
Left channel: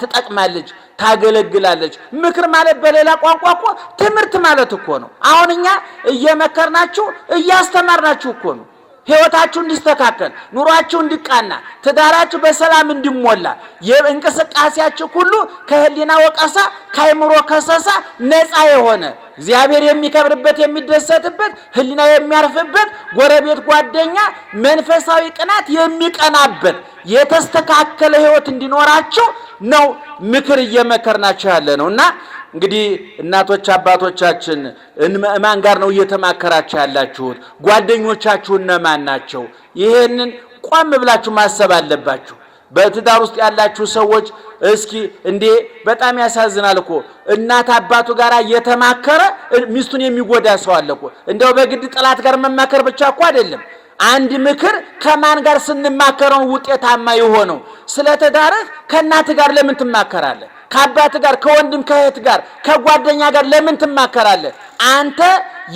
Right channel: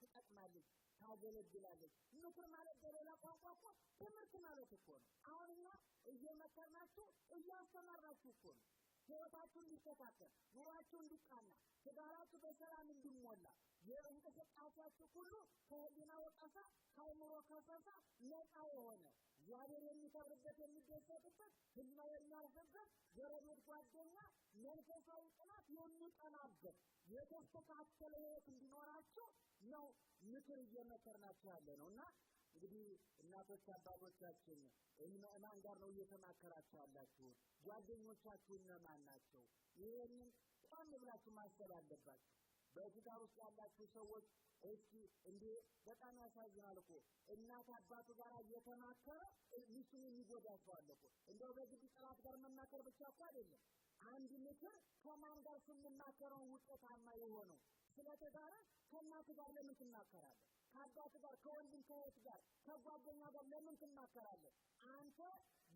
ትጠቅማለች፣ ታገለግላለች። ምክር ማለት በሌላ ቋንቋ እኮ ትምህርት ማለት እኮ ነው። አሁን እኛ እየመከርናችሁ እያስተማርናችሁ እኮ ነው። ሕይወታችሁ እንዲስተካከል፣ ኑሯችሁ እንዲቃና፣ ትዳራችሁ በሰላም እንዲሞላ፣ የእንቅስቃሴያችሁ ሁሉ ከህሊና ወቀሳ ከአእምሮ ከሰሳ ነፃ የሆነ እግዚአብሔር የሚከብርበት የሚደሰትበት ህሊና የሚያርፍበት ጎረቤት ጓደኛ መንፈሳዊ ቅናት የሚቀናበት የተስተካከለ ሕይወት እንዲኖራችሁ ነው ምክር እየመከርናችሁ ያለ ነውና እንግዲህ እናቶች አባቶቻችን ማን ጋር ነው እየተማከራችሁ ያላችሁት? ጓደኞቻችሁ እነማን ናቸው? ይሄንን ቆም ብላችሁ ማሰብ አለባችሁ። በትዳር ውስጥ ያላችሁ ሰዎች እስኪ እንዴ በጣም ያሳዝናል እኮ እናት አባቱ ጋር እየተማከረ ሚስቱን የሚጎዳ ሰው አለ እኮ። እንደው በግድ ጥላት ጋር መማከር ብቻ እኮ አይደለም። አንድ ምክር ከማን ጋር ስንማከረው ውጤታማ የሆነው? ስለ ትዳርህ ከእናት ጋር ለምን ትማከራለህ? ከአባት ጋር ከወንድም ከእህት ጋር ከጓደኛ ጋር ለምን ትማከራለህ? አንተ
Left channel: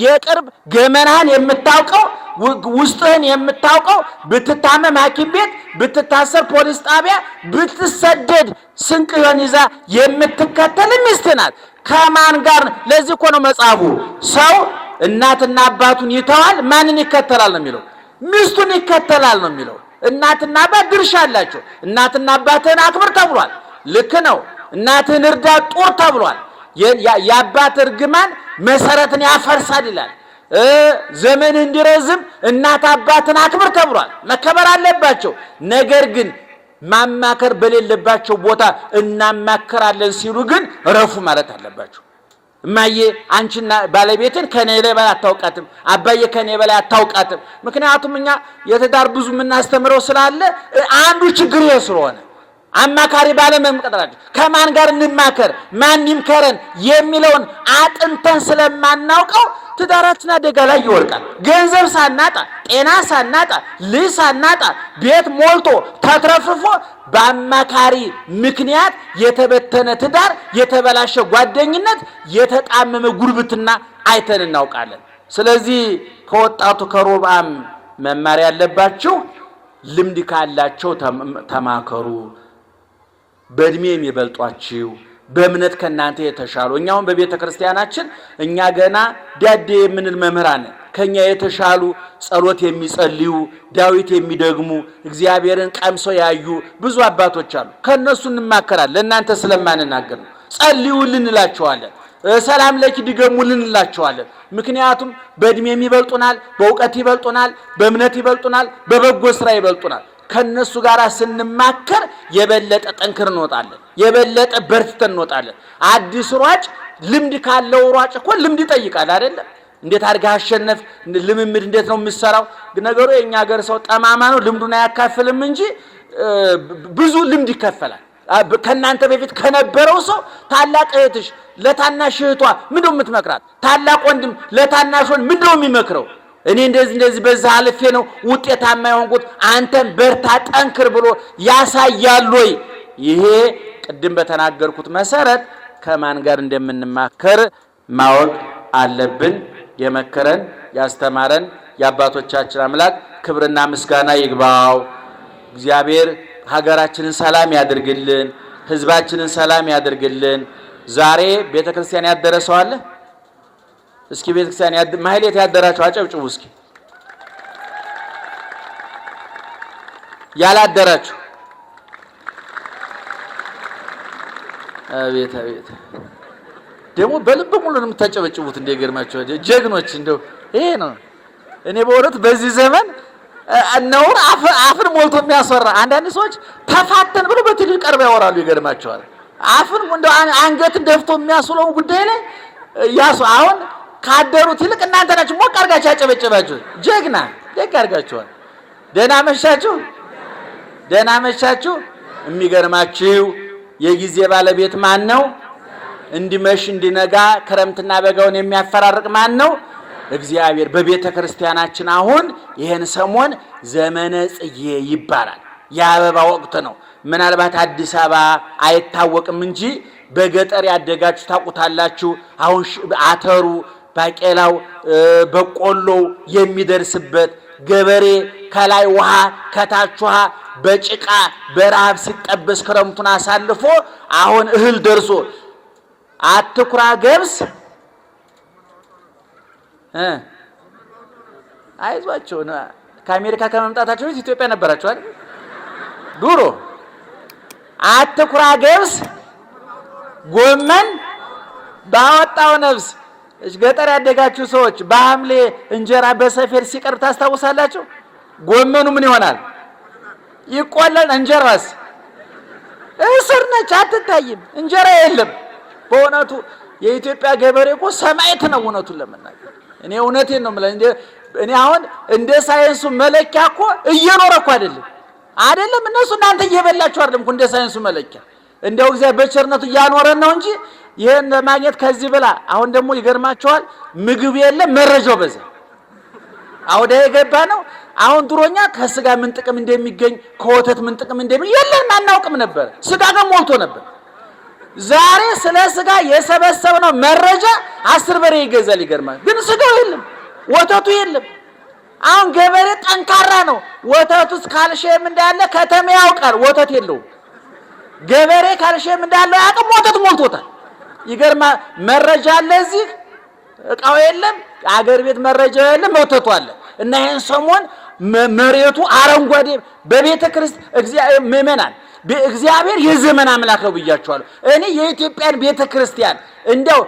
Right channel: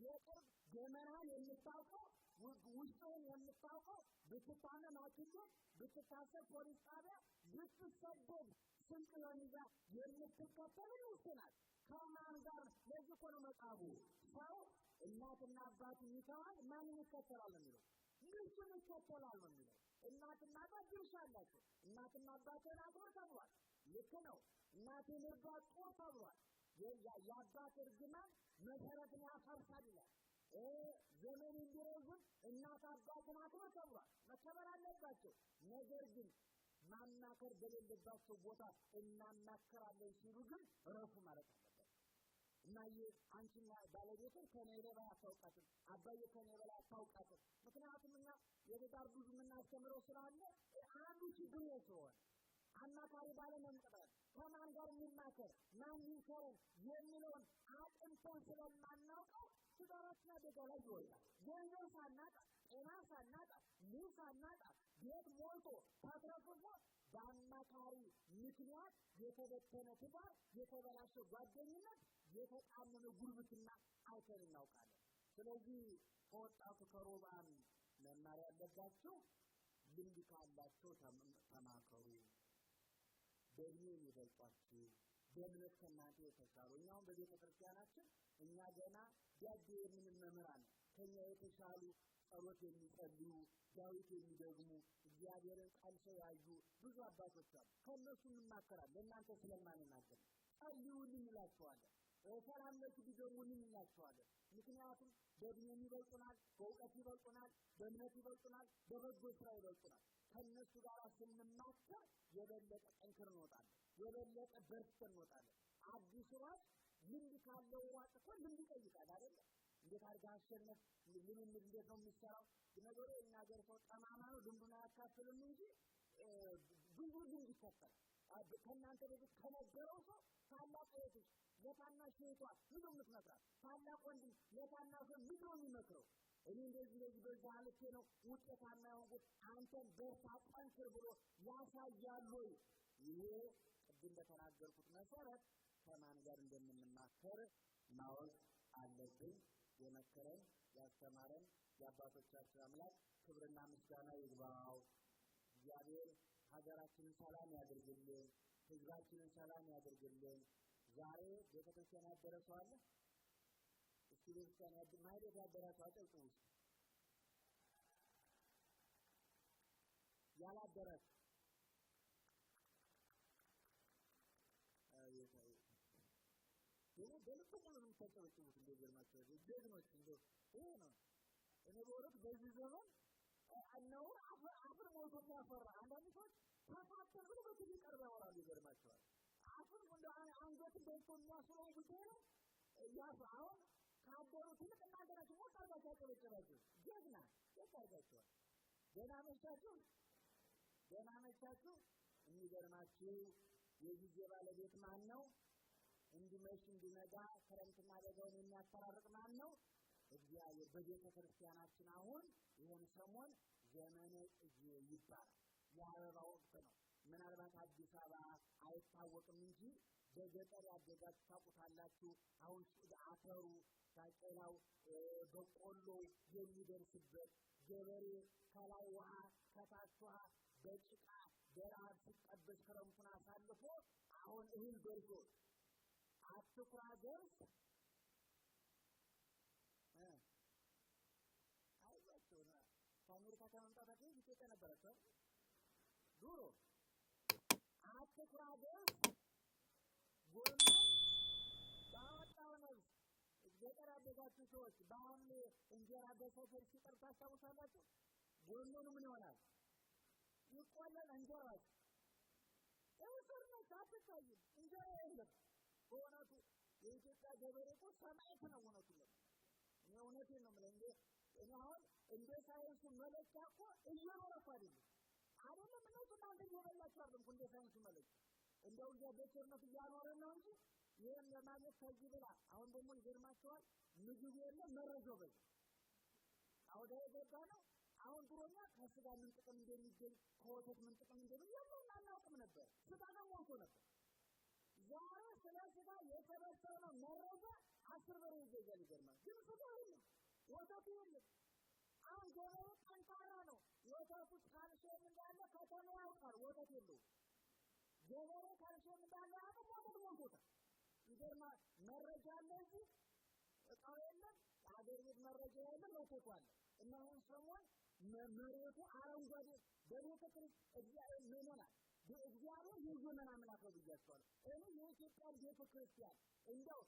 የቅርብ ገመናህን የምታውቀው ውስጥህን የምታውቀው ብትታመም ሐኪም ቤት፣ ብትታሰር ፖሊስ ጣቢያ፣ ብትሰደድ ስንቅህን ይዛ የምትከተል ሚስት ናት። ከማን ጋር? ለዚህ እኮ ነው መጽሐፉ ሰው እናትና አባቱን ይተዋል ማንን ይከተላል ነው የሚለው? ሚስቱን ይከተላል ነው የሚለው። እናትና አባት ድርሻ አላቸው። እናትና አባትህን አክብር ተብሏል። ልክ ነው። እናትህን እርዳ ጦር ተብሏል። የአባት እርግማን መሰረትን ያፈርሳል ይላል። ዘመን እንዲረዝም እናት አባትን አክብር ተብሏል። መከበር አለባቸው። ነገር ግን ማማከር በሌለባቸው ቦታ እናማከራለን ሲሉ ግን ረፉ ማለት አለባቸው። እማዬ አንቺና ባለቤትን ከኔ በላይ አታውቃትም፣ አባዬ ከኔ በላይ አታውቃትም። ምክንያቱም እኛ የትዳር ብዙ የምናስተምረው ስላለ አንዱ ችግር ይሄ ስለሆነ አማካሪ ባለመምቀጠራቸው ከማን ጋር እንማከር ማን ይምከረን የሚለውን አጥንተን ስለማናውቀው ትዳራችን አደጋ ላይ ይወድቃል። ገንዘብ ሳናጣ፣ ጤና ሳናጣ፣ ልጅ ሳናጣ፣ ቤት ሞልቶ ተትረፍርፎ በአማካሪ ምክንያት የተበተነ ትዳር፣ የተበላሸ ጓደኝነት፣ የተጣመመ ጉርብትና አይተን እናውቃለን። ስለዚህ ከወጣቱ ከሮብዓም መማር ያለባችሁ ልምድ ካላቸው ተማከሩ። በእድሜ የሚበልጧችሁ በእምነት ከናንተ የተሻሉ እኛውን በቤተ ክርስቲያናችን እኛ ገና ዳዴ የምንል መምህራን ከኛ የተሻሉ ጸሎት የሚጸልዩ ዳዊት የሚደግሙ እግዚአብሔርን ቀምሰው ያዩ ብዙ አባቶች አሉ። ከነሱ እንማከራለን። ለእናንተ ስለማንናገር ነው። ጸልዩልን እንላቸዋለን። ሰላም ለኪ ድገሙልን እንላቸዋለን። ምክንያቱም በእድሜም ይበልጡናል፣ በእውቀት ይበልጡናል፣ በእምነት ይበልጡናል፣ በበጎ ስራ ይበልጡናል። ከነሱ ጋር ስንማከር የበለጠ ጠንክር እንወጣለን፣ የበለጠ በርትተን እንወጣለን። አዲስ ሯጭ ልምድ ካለው ሯጭ እኮ ልምድ ይጠይቃል አይደለም? እንዴት አድርገህ አሸነፍ፣ ልምምድ እንዴት ነው የምትሰራው? ነገሩ የኛ ሀገር ሰው ጠማማ ነው፣ ልምዱን አያካፍልም እንጂ ብዙ ልምድ ይከፈላል። ከናንተ በፊት ከነበረው ሰው ታላቅ እህትሽ ለታናሽ እህቷ ምንድነው የምትመክራት? ታላቅ ወንድም ለታናሽ ወንድም ምንድነው የሚመክረው? እኔ እንደዚህ በዛ አልፌ ነው ውጤታማ የሆንኩት፣ አንተም በርታ ጠንክር ብሎ ያሳያል ወይ? ይሄ ቅድም በተናገርኩት መሰረት ከማን ጋር እንደምንማከር ማወቅ አለብን። የመከረን ያስተማረን የአባቶቻችን አምላክ ክብርና ምስጋና ይግባው። እግዚአብሔር ሀገራችንን ሰላም ያድርግልን፣ ህዝባችንን ሰላም ያድርግልን። ዛሬ ቤተክርስቲያን ያደረሰው አለ? እስኪ ቤተክርስቲያን ማህሌት ያደራችሁ አጨብጭቡ እስኪ። ያላደራችሁ አቤት አቤት! ደግሞ በልብ ሙሉ ነው የምታጨበጭቡት። እንደገርማችሁ ጀግኖች! እንደው ይሄ ነው እኔ በእውነት በዚህ ዘመን ነውር አፍን ሞልቶ የሚያስወራ። አንዳንድ ሰዎች ተፋተን ብሎ በትልቅ ቀርበው ያወራሉ። ይገርማቸዋል። አፍን እንደው አንገትን ደፍቶ የሚያስውለው ጉዳይ ላይ ያሱ አሁን ካደሩት ይልቅ እናንተ ናችሁ ሞቅ አድርጋችሁ ያጨበጨባችሁ። ጀግና ደግ አድርጋችኋል። ደህና መሻችሁ፣ ደህና መሻችሁ። የሚገርማችሁ የጊዜ ባለቤት ማን ነው? እንዲመሽ እንዲነጋ ክረምትና በጋውን የሚያፈራርቅ ማን ነው? እግዚአብሔር። በቤተ ክርስቲያናችን አሁን ይሄን ሰሞን ዘመነ ጽጌ ይባላል። የአበባ ወቅት ነው። ምናልባት አዲስ አበባ አይታወቅም እንጂ በገጠር ያደጋችሁ ታውቁታላችሁ። አሁን አተሩ፣ ባቄላው፣ በቆሎው የሚደርስበት ገበሬ ከላይ ውሃ ከታች ውሃ በጭቃ በረሃብ ሲጠበስ ክረምቱን አሳልፎ አሁን እህል ደርሶ አትኩራ ገብስ አይዟቸው። ከአሜሪካ ከመምጣታቸው በፊት ኢትዮጵያ ነበራችሁ አይደል? ዱሮ አትኩራ ገብስ ጎመን ባወጣው ነፍስ። ገጠር ያደጋችሁ ሰዎች በሐምሌ እንጀራ በሰፌድ ሲቀርብ ታስታውሳላችሁ? ጎመኑ ምን ይሆናል? ይቆላል። እንጀራስ እስር ነች፣ አትታይም። እንጀራ የለም። በእውነቱ የኢትዮጵያ ገበሬ እኮ ሰማዕት ነው። እውነቱን ለመናገር እኔ እውነቴን ነው የምልህ። እኔ አሁን እንደ ሳይንሱ መለኪያ እኮ እየኖረ እኮ አይደለም እነሱ እናንተ እየበላችሁ አይደለም እኮ እንደ ሳይንሱ መለኪያ። እንደው እግዚአብሔር በቸርነቱ እያኖረን ነው እንጂ ይሄን ለማግኘት ከዚህ ብላ። አሁን ደግሞ ይገርማቸዋል፣ ምግብ የለም መረጃው በዛ አውደ የገባ ነው። አሁን ድሮኛ ከስጋ ምን ጥቅም እንደሚገኝ ከወተት ምን ጥቅም እንደሚገኝ የለም አናውቅም ነበር። ስጋ ግን ሞልቶ ነበር። ዛሬ ስለ ስጋ የሰበሰብነው መረጃ 10 በሬ ይገዛል። ይገርማል። ግን ስጋው የለም፣ ወተቱ የለም። አሁን ገበሬ ጠንካራ ነው። ወተቱስ ካልሽየም እንዳለ ከተማ ያውቃል፣ ወተት የለውም። ገበሬ ካልሽየም እንዳለ ያውቃል፣ ወተት ሞልቶታል። ይገርማል። መረጃ አለ፣ እዚህ እቃው የለም። አገር ቤት መረጃ የለም፣ ወተቱ አለ። እና ይሄን ሰሞን መሬቱ አረንጓዴ በቤተ ክርስቲያን እግዚአብሔር ምእመናን እግዚአብሔር የዘመን አምላክ ነው ብያቸዋለሁ። እኔ የኢትዮጵያን ቤተ ክርስቲያን እንደው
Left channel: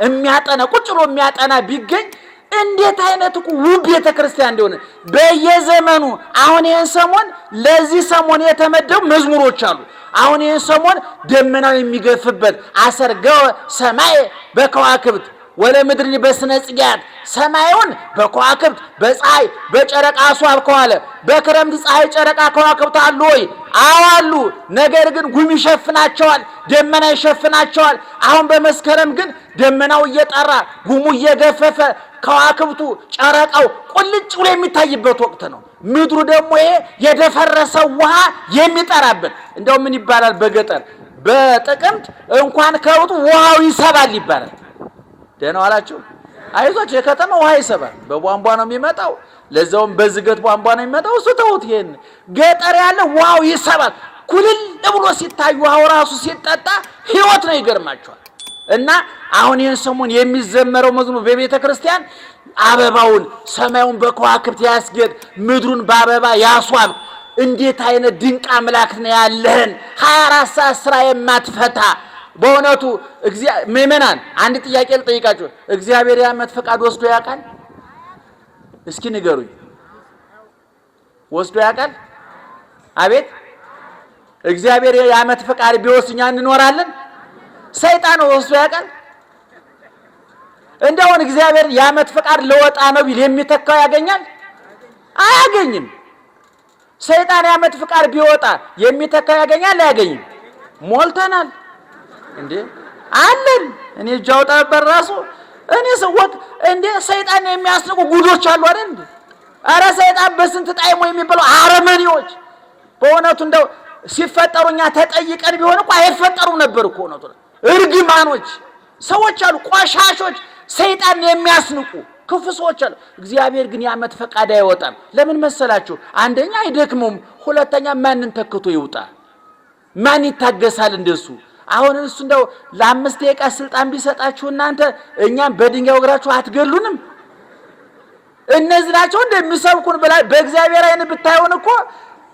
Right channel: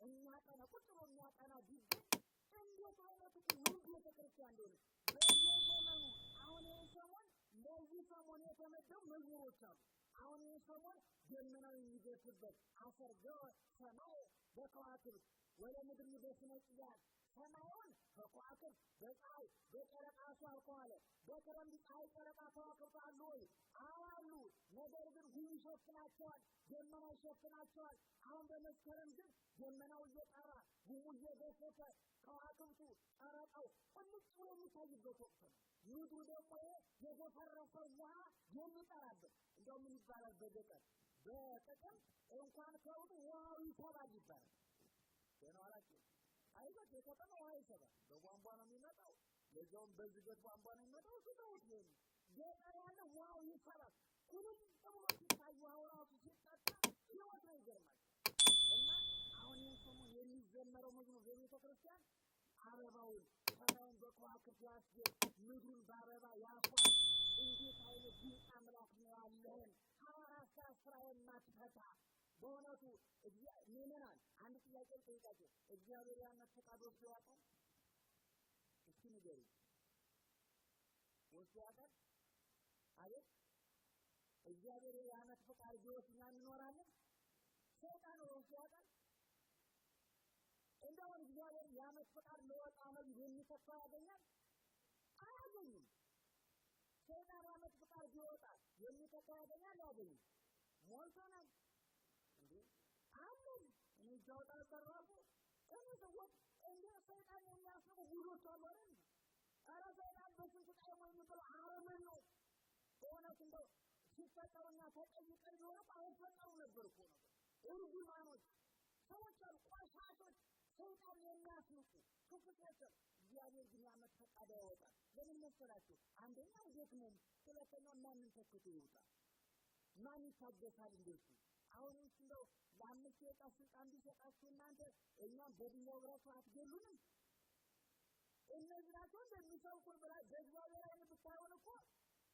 የሚያጠና ቁጭ ብሎ የሚያጠና ቢገኝ እንዴት አይነት ውብ ቤተ ክርስቲያን እንደሆነ በየዘመኑ አሁን ይሄን ሰሞን ለዚህ ሰሞን የተመደቡ መዝሙሮች አሉ። አሁን ይሄን ሰሞን ደመናው የሚገፍበት አሰርገው ሰማይ በከዋክብት ወለ ምድርን በስነ ጽጌያት ሰማዩን በከዋክብት በፀሐይ በጨረቃ አስዋብከው አለ። በክረምት ፀሐይ ጨረቃ ከዋክብት አሉ ወይ? አዋሉ። ነገር ግን ጉም ይሸፍናቸዋል፣ ደመና ይሸፍናቸዋል። አሁን በመስከረም ግን ደመናው እየጠራ ጉሙ እየገፈፈ ከዋክብቱ ጨረቃው ቁልጭ ብሎ የሚታይበት ወቅት ነው። ምድሩ ደግሞ ይሄ የደፈረሰው ውሃ የሚጠራበት። እንደው ምን ይባላል በገጠር በጥቅምት እንኳን ከውጡ ውሃው ይሰባል ይባላል። ደህና ዋላችሁ? አይዟችሁ። የከተማ ውሃ ይሰባል፣ በቧንቧ ነው የሚመጣው። ለዛውም በዝገት ቧንቧ ነው የሚመጣው። እሱ ተውት። ይሄን ገጠር ያለ ውሃው ይሰባል። ኩልል ብሎ ሲታይ ውሃው ራሱ ሲጠጣ ህይወት ነው። ይገርማችኋል። እና አሁን ይሄን ሰሞን የሚዘመረው መዝሙር በቤተ ክርስቲያን አበባውን ሰማዩን በከዋክብት ያስጌጥ፣ ምድሩን በአበባ ያስዋብ። እንዴት አይነት ድንቅ አምላክ ነው ያለህን! 24 ሰዓት ስራ የማትፈታ በእውነቱ ምእመናን አንድ ጥያቄ ልጠይቃችሁ። እግዚአብሔር የዓመት ፈቃድ ወስዶ ያውቃል? እስኪ ንገሩኝ። ወስዶ ያውቃል? አቤት። እግዚአብሔር የዓመት ፈቃድ ቢወስድ እኛ እንኖራለን? ሰይጣን ወስዶ ያውቃል? እንደውን እግዚአብሔር የዓመት ፈቃድ ለወጣ ነው ቢል የሚተካው ያገኛል? አያገኝም። ሰይጣን የዓመት ፈቃድ ቢወጣ የሚተካው ያገኛል? አያገኝም። ሞልተናል እንዴ አለን። እኔ ጃውጣ በራሱ እኔ ሰውት እንዴ ሰይጣን የሚያስነቁ ጉዶች አሉ አይደል እንዴ? አረ ሰይጣን በስንት ጣይሞ የሚባለው አረመኔዎች በእውነቱ እንደው ሲፈጠሩኛ ተጠይቀን ቢሆን እኮ አይፈጠሩም ነበር እኮ ነው። እርግማኖች ሰዎች አሉ፣ ቆሻሾች፣ ሰይጣን የሚያስንቁ ክፉ ሰዎች አሉ። እግዚአብሔር ግን የዓመት ፈቃድ አይወጣም። ለምን መሰላችሁ? አንደኛ አይደክሙም፣ ሁለተኛ ማንን ተክቶ ይውጣ? ማን ይታገሳል እንደሱ? አሁን እሱ እንደው ለ5 ደቂቃ ስልጣን ቢሰጣችሁ እናንተ እኛም በድንጋይ ወግራችሁ አትገሉንም? እነዚህ ናቸው እንደሚሰብኩን ብላ በእግዚአብሔር አይን ብታዩን እኮ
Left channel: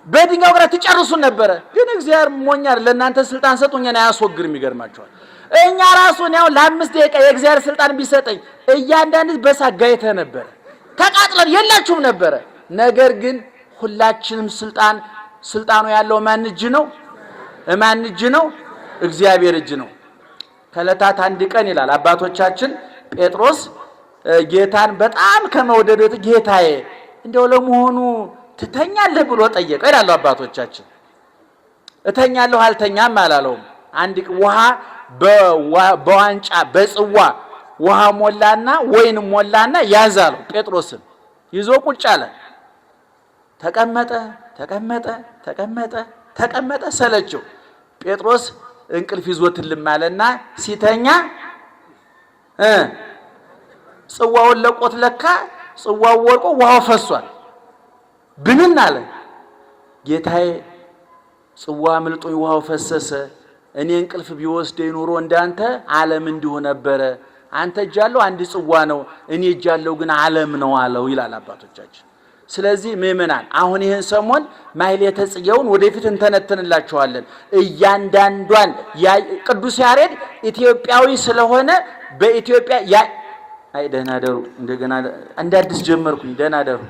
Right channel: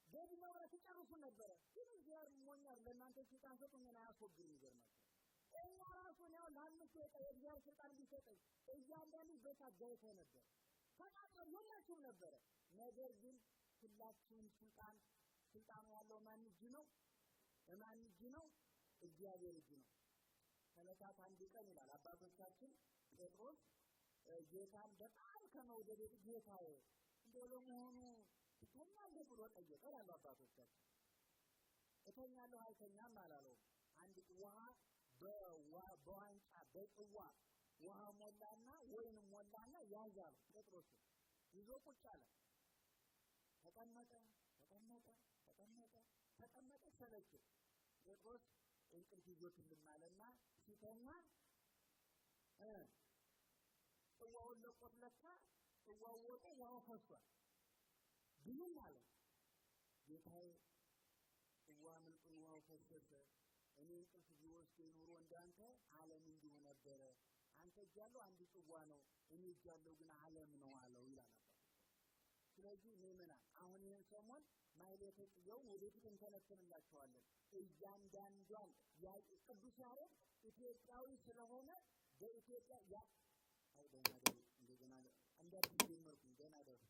በድንጋይ ወግራ ትጨርሱን ነበረ። ግን እግዚአብሔር ሞኛር ለእናንተ ስልጣን ሰጡኛና ያስወግርም። ይገርማችኋል። እኛ ራሱን ያው ለ5 ደቂቃ የእግዚአብሔር ስልጣን ቢሰጠኝ እያንዳንዱ በሳጋይተ ነበረ፣ ተቃጥለን የላችሁም ነበረ። ነገር ግን ሁላችንም ስልጣኑ ያለው ማን እጅ ነው? ማን እጅ ነው? እግዚአብሔር እጅ ነው። ከዕለታት አንድ ቀን ይላል አባቶቻችን ጴጥሮስ ጌታን በጣም ከመውደዱ ጌታዬ እንደው ለመሆኑ ትተኛለህ ብሎ ጠየቀ ይላሉ አባቶቻችን። እተኛለሁ አልተኛም አላለውም። አንድ ውሃ በዋንጫ በጽዋ ውሃ ሞላና ወይን ሞላና ያዛለው። ጴጥሮስን ይዞ ቁጭ አለ። ተቀመጠ ተቀመጠ ተቀመጠ ተቀመጠ፣ ሰለቸው። ጴጥሮስ እንቅልፍ ይዞት ልማለና ሲተኛ ጽዋውን ለቆት ለካ ጽዋው ወርቆ ውሃው ፈሷል። ብንን አለ። ጌታዬ ጽዋ አምልጦኝ ውሃው ፈሰሰ። እኔ እንቅልፍ ቢወስደኝ ኑሮ እንዳንተ ዓለም እንዲሁ ነበረ። አንተ እጃለው አንድ ጽዋ ነው፣ እኔ እጃለው ግን ዓለም ነው አለው ይላል አባቶቻችን። ስለዚህ ምእመናን አሁን ይህን ሰሞን ማሕሌተ ጽጌውን ወደፊት እንተነተንላችኋለን። እያንዳንዷን ቅዱስ ያሬድ ኢትዮጵያዊ ስለሆነ በኢትዮጵያ ደህና ደሩ። እንደገና እንደ አዲስ ጀመርኩኝ። ደህና ደሩ።